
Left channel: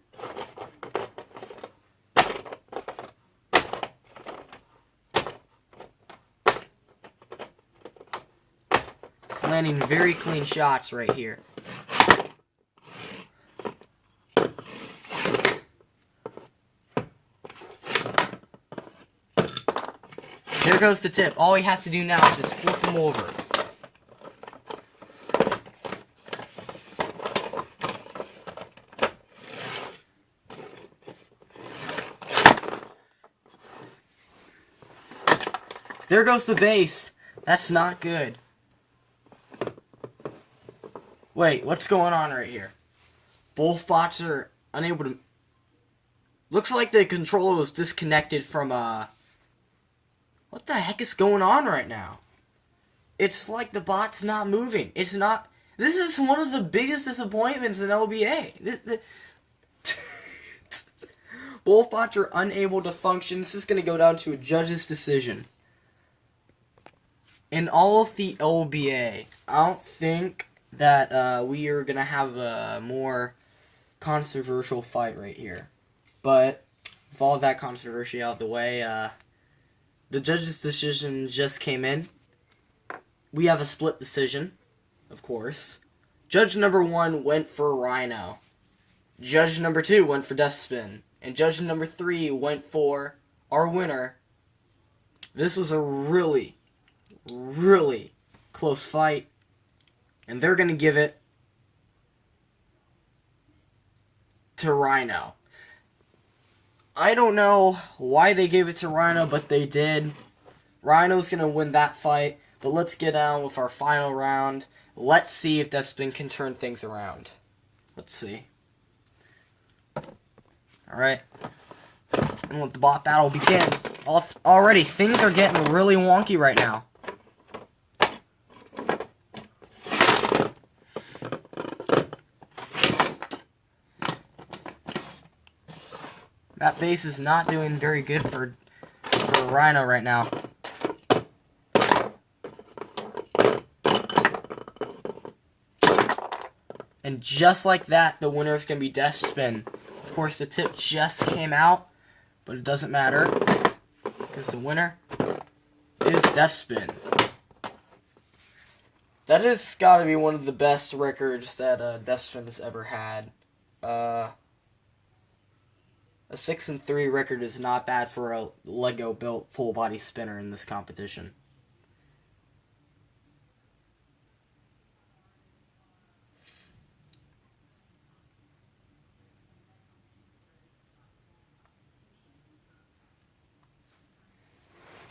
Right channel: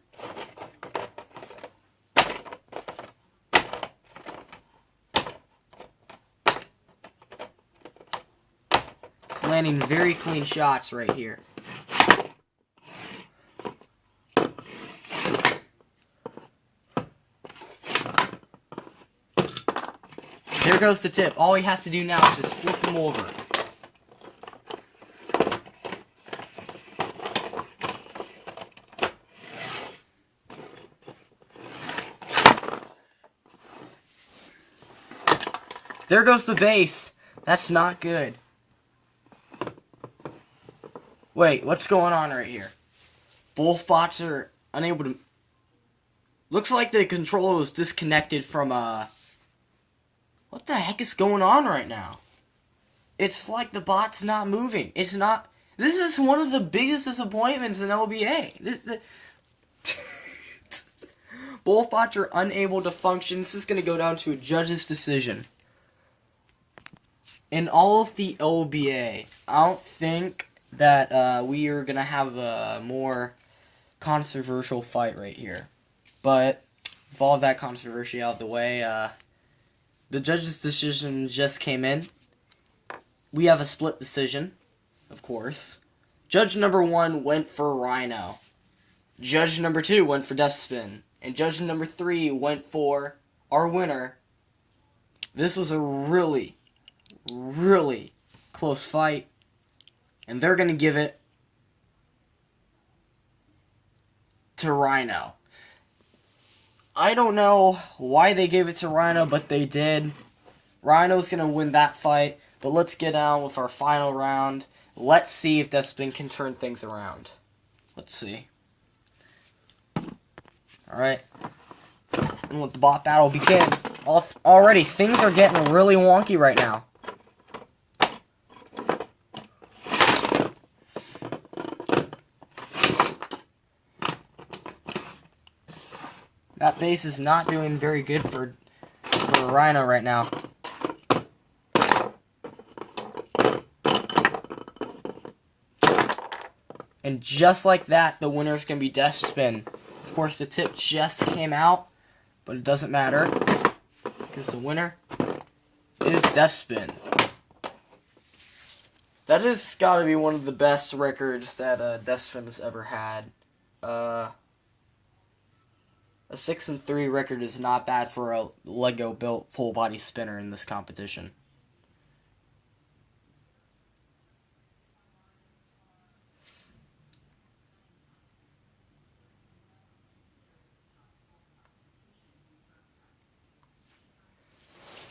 He's landing very clean shots right here. There goes the tip. All he has to do now is just flip him over. There goes the base. That's not good. Wait, what's going on right here? Both bots are unable to... Looks like the controller was disconnected from, What the heck is going on right now? It's like the bot's not moving. It's not... This is one of the biggest disappointments in LBA. Both bots are unable to function. This is going to go down to a judge's decision. In all of the LBA, I don't think that we are going to have a more controversial fight right here. But with all of that controversy out of the way, the judge's decision just came in. We have a split decision, of course. Judge number 1 went for Rhino. Judge number 2 went for Deathspin. And judge number 3 went for our winner. This was a really close fight. And they're going to give it to Rhino. I don't know why they gave it to Rhino, but they did. Rhino's going to win that fight. But let's get on with our final round. Let's see if Deathspin can turn things around. Let's see. Alright. And let the bot battle begin. Already, things are getting really wonky right now. That base is not doing very good for Rhino right now. And just like that, the winner is going to be Deathspin. Of course, the tip just came out, but it doesn't matter, because the winner is Deathspin. That has got to be one of the best records that Deathspin has ever had. A 6-3 record is not bad for a Lego-built full-body spinner in this competition.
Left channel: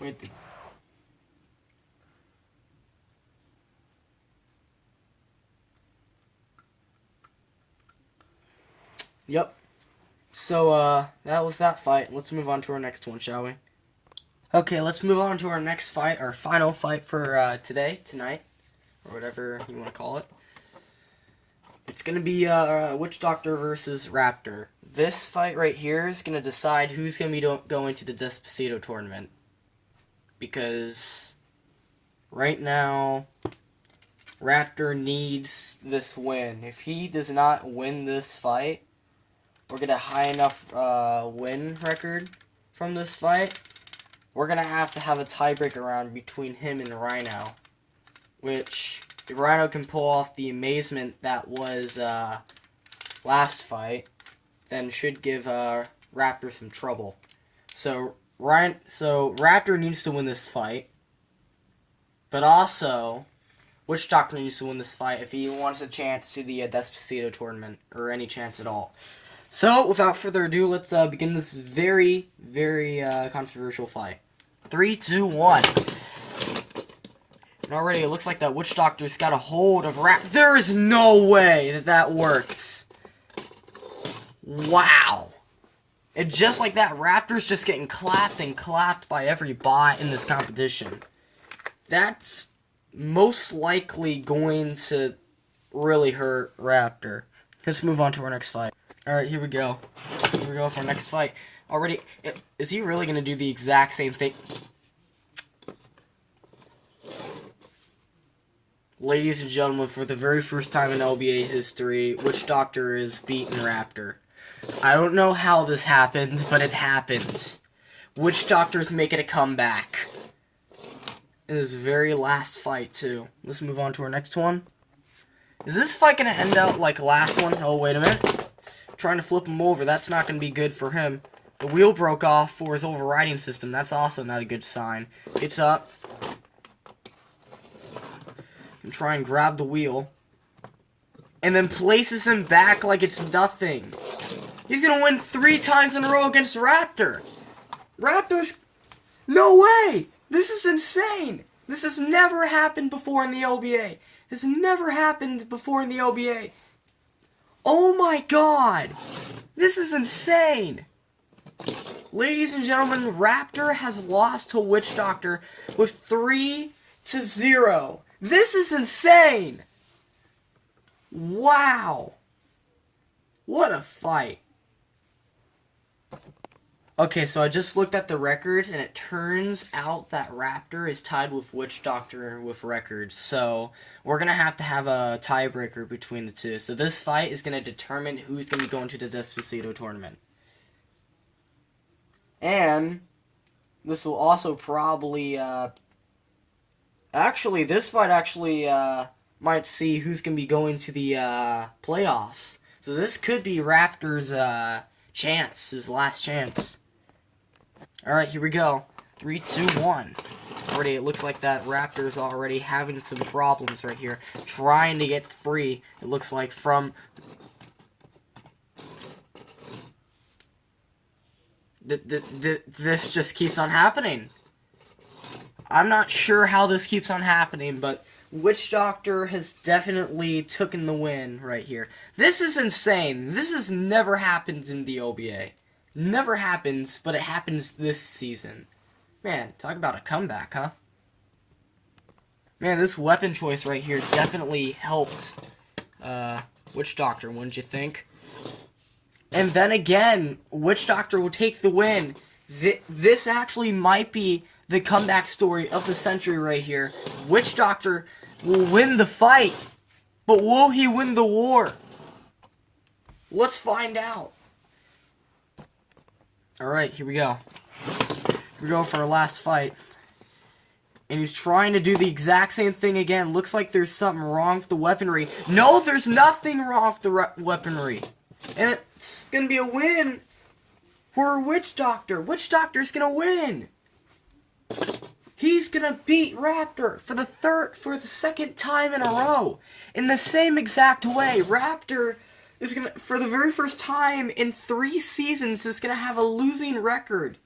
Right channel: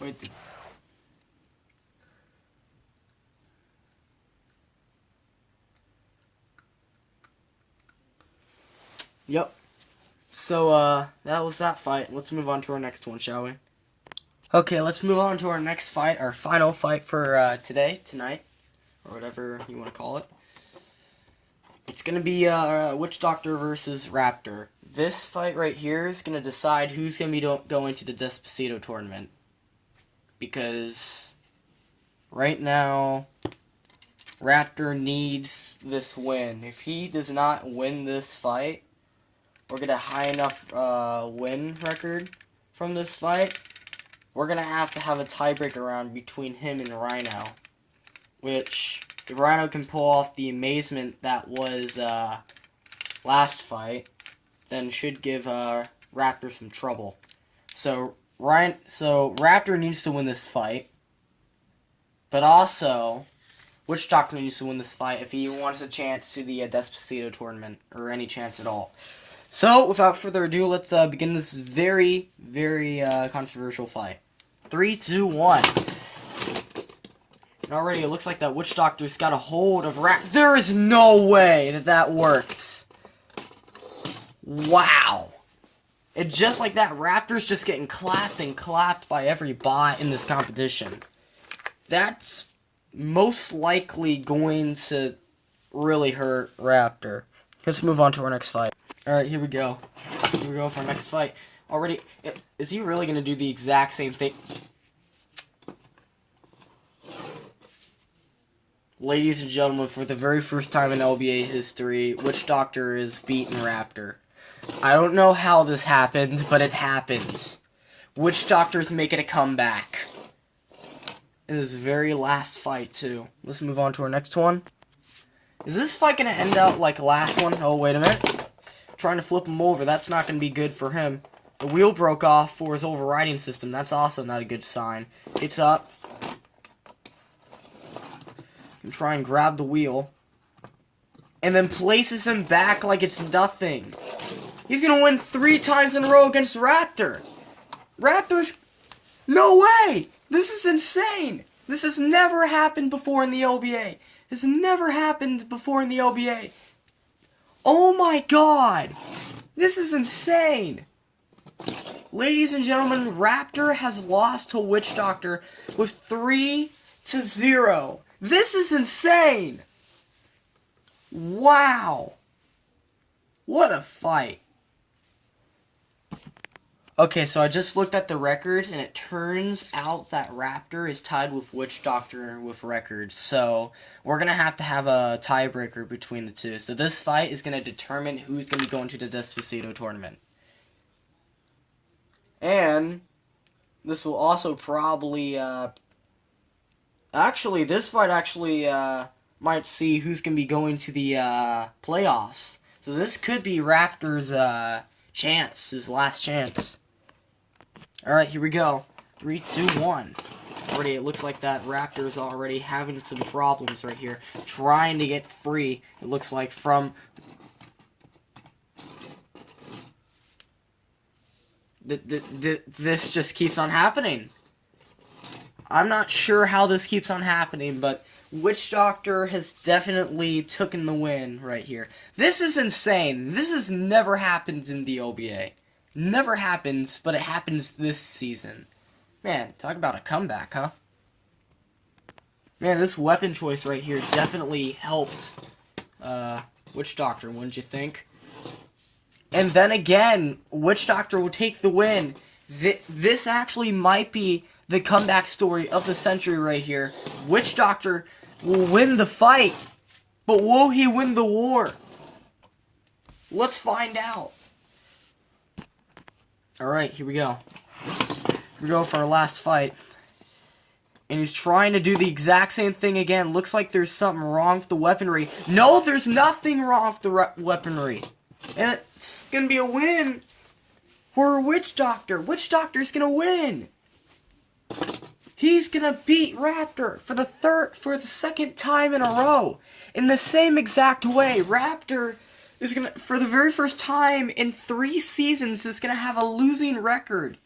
Wait. Yep. So, that was that fight. Let's move on to our next one, shall we? Okay, let's move on to our next fight, our final fight for tonight, or whatever you want to call it. It's going to be Witch Doctor versus Raptor. This fight right here is going to decide who's going to be going to the Despacito tournament. Because right now, Raptor needs this win. If he does not win this fight, or get a high enough win record from this fight, we're going to have a tiebreaker round between him and Rhino. Which, if Rhino can pull off the amazement that was last fight, then should give Raptor some trouble. So Raptor needs to win this fight. But also, Witch Doctor needs to win this fight if he wants a chance to the Despacito tournament, or any chance at all. So, without further ado, let's begin this very, very controversial fight. 3, 2, 1. And already it looks like that Witch Doctor's got a hold of There is no way that worked. Wow. And just like that, Raptor's just getting clapped and clapped by every bot in this competition. That's most likely going to really hurt Raptor. Let's move on to our next fight. Alright, here we go. Here we go for our next fight. Already, is he really going to do the exact same thing? Ladies and gentlemen, for the very first time in LBA history, Witch Doctor is beating Raptor. I don't know how this happens, but it happens. Witch Doctor's making a comeback. In his very last fight, too. Let's move on to our next one. Is this fight going to end out like the last one? Oh, wait a minute. Trying to flip him over. That's not going to be good for him. The wheel broke off for his overriding system. That's also not a good sign. It's up. And try and grab the wheel. And then places him back like it's nothing. He's going to win 3 times in a row against Raptor. Raptor's... No way! This is insane! This has never happened before in the LBA. This has never happened before in the LBA. Oh my god! This is insane! Ladies and gentlemen, Raptor has lost to Witch Doctor with 3-0. This is insane! Wow! What a fight. Okay, so I just looked at the records, and it turns out that Raptor is tied with Witch Doctor with records. So, we're going to have a tiebreaker between the two. So this fight is going to determine who's going to be going to the Despacito tournament. And this will also probably... Actually, this fight might see who's going to be going to the playoffs. So this could be Raptor's chance, his last chance. Alright, here we go. 3, 2, 1. Already, it looks like that Raptor's already having some problems right here. Trying to get free, it looks like, from... This just keeps on happening. I'm not sure how this keeps on happening, but Witch Doctor has definitely taken the win right here. This is insane. This has never happened in the LBA. Never happens, but it happens this season. Man, talk about a comeback, huh? Man, this weapon choice right here definitely helped Witch Doctor, wouldn't you think? And then again, Witch Doctor will take the win. This actually might be the comeback story of the century right here. Witch Doctor will win the fight, but will he win the war? Let's find out. Alright, here we go. We go for our last fight. And he's trying to do the exact same thing again. Looks like there's something wrong with the weaponry. No, there's nothing wrong with the weaponry. And it's going to be a win for Witch Doctor. Witch Doctor's going to win. He's going to beat Raptor for the second time in a row. In the same exact way. Raptor is going to, for the very first time in 3 seasons, is going to have a losing record.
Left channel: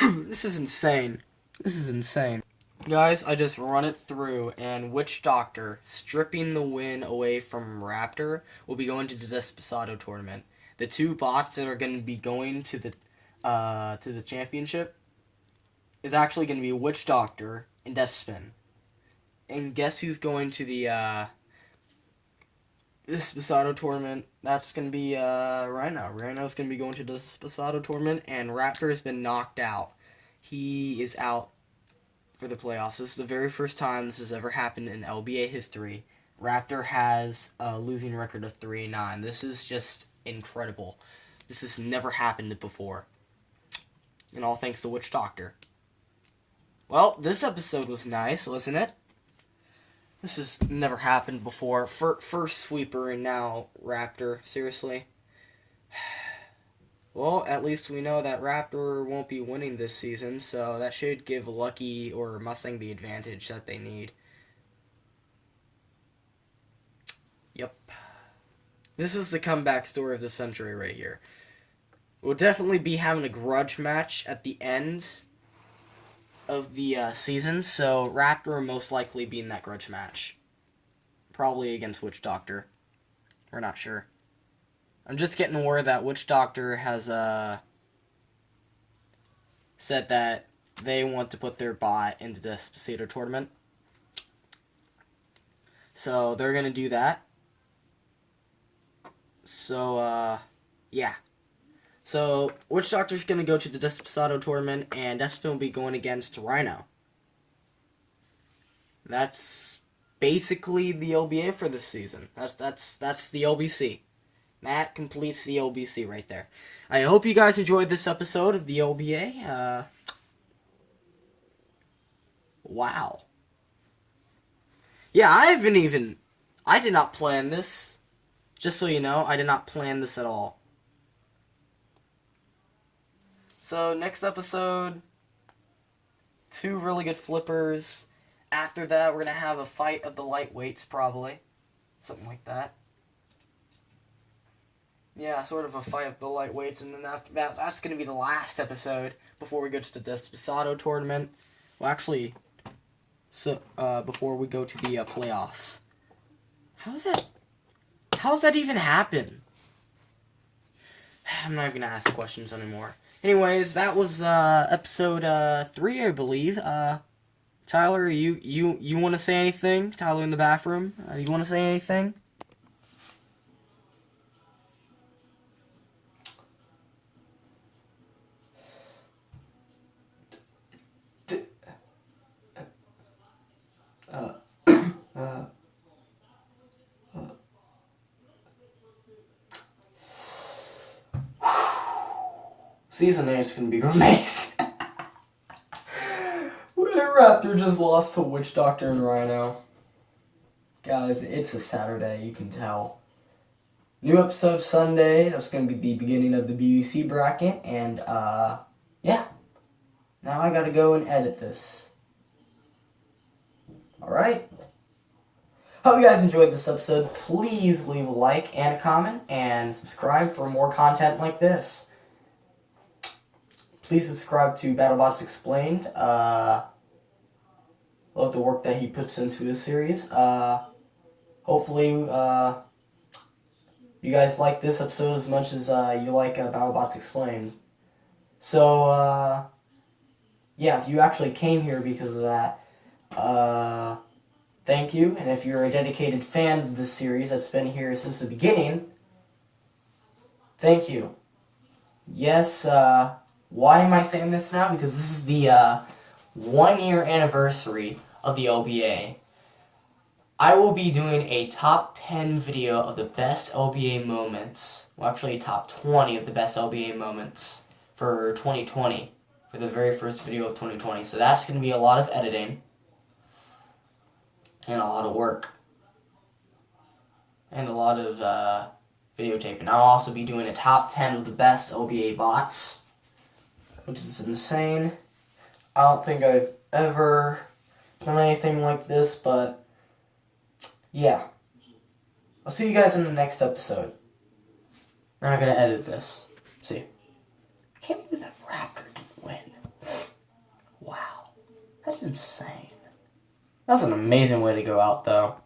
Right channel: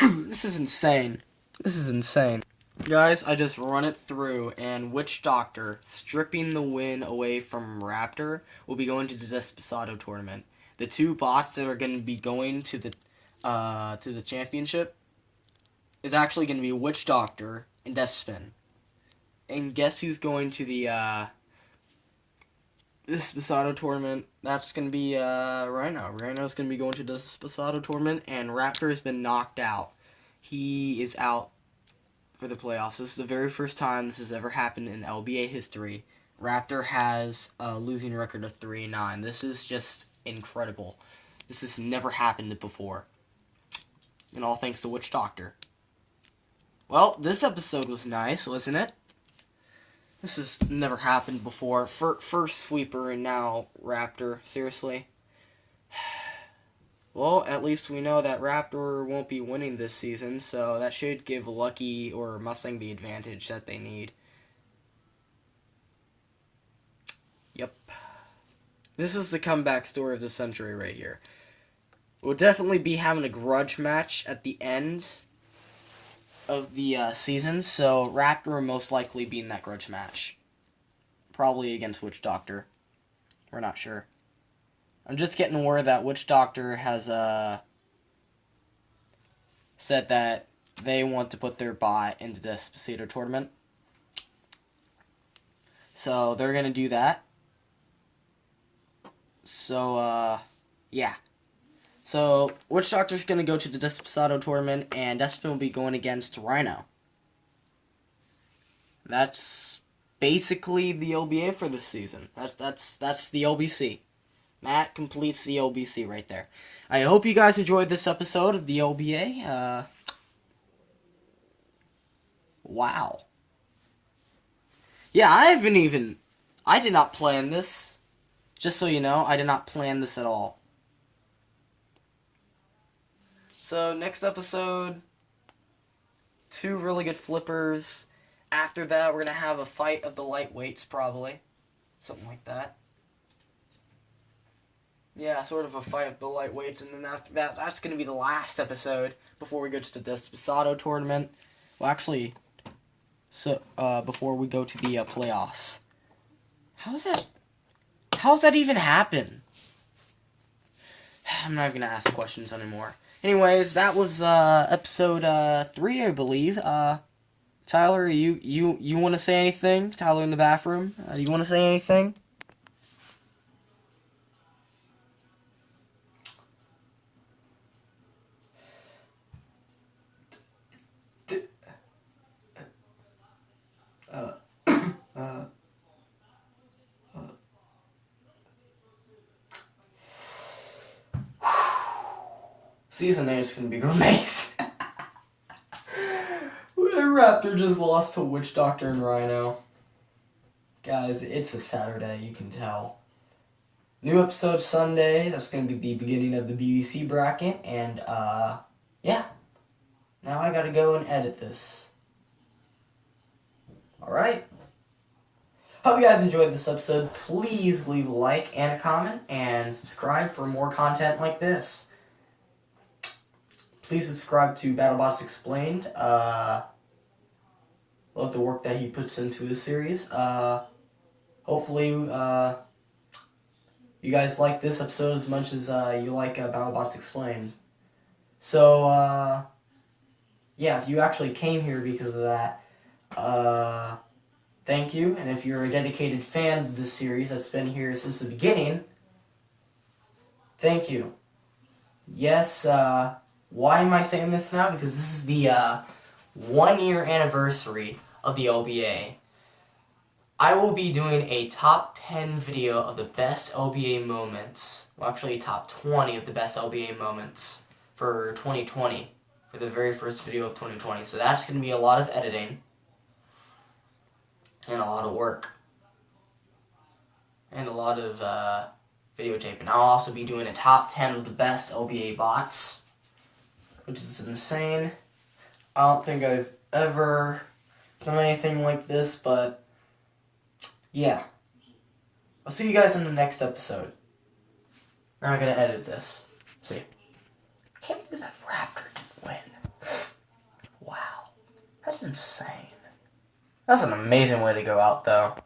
This is insane. This is insane. Guys, I just run it through, and Witch Doctor, stripping the win away from Raptor, will be going to the Desposado tournament. The two bots that are going to be going to the championship is actually going to be Witch Doctor and Deathspin. And guess who's going to the Desposado tournament? That's going to be Rhino. Rhino's going to be going to the Desposado tournament, and Raptor has been knocked out. He is out for the playoffs. This is the very first time this has ever happened in LBA history. Raptor has a losing record of 3-9. This is just incredible. This has never happened before. And all thanks to Witch Doctor. Well, this episode was nice, wasn't it? This has never happened before. First sweeper and now Raptor. Seriously. Well, at least we know that Raptor won't be winning this season, so that should give Lucky or Mustang the advantage that they need. Yep. This is the comeback story of the century right here. We'll definitely be having a grudge match at the end of the season, so Raptor will most likely be in that grudge match. Probably against Witch Doctor. We're not sure. I'm just getting word that Witch Doctor has said that they want to put their bot into the Desposado tournament. So they're going to do that. So, yeah. So, Witch Doctor's going to go to the Desposado tournament, and Despin will be going against Rhino. That's basically the LBA for this season. That's the LBC. That completes the LBC right there. I hope you guys enjoyed this episode of the LBA. Wow. Yeah, I did not plan this. Just so you know, I did not plan this at all. So, next episode, 2 really good flippers. After that, we're going to have a fight of the lightweights, probably. Something like that. Yeah, sort of a fight of the lightweights, and then after that, that's going to be the last episode before we go to the Desposado tournament. Well, actually, so before we go to the playoffs. How's that even happen? I'm not even going to ask questions anymore. Anyways, that was episode 3, I believe. Tyler, you want to say anything? Tyler in the bathroom, you want to say anything? Season 8 is going to be amazing. Raptor just lost to Witch Doctor and Rhino. Guys, it's a Saturday, you can tell. New episode Sunday. That's going to be the beginning of the BBC bracket. And, yeah. Now I got to go and edit this. Alright. Hope you guys enjoyed this episode. Please leave a like and a comment. And subscribe for more content like this. Please subscribe to Battlebots Explained. Love the work that he puts into this series. Hopefully, you guys like this episode as much as you like Battlebots Explained. So, yeah, if you actually came here because of that, thank you. And if you're a dedicated fan of this series that's been here since the beginning, thank you. Yes, why am I saying this now? Because this is the 1-year anniversary of the LBA. I will be doing a top 10 video of the best LBA moments. Well, actually, top 20 of the best LBA moments for 2020. For the very first video of 2020. So that's going to be a lot of editing. And a lot of work. And a lot of videotaping. I'll also be doing a top 10 of the best LBA bots. Which is insane. I don't think I've ever done anything like this, but yeah. I'll see you guys in the next episode. We're not gonna edit this. See. I can't believe that Raptor didn't win. That's insane. That's an amazing way to go out, though.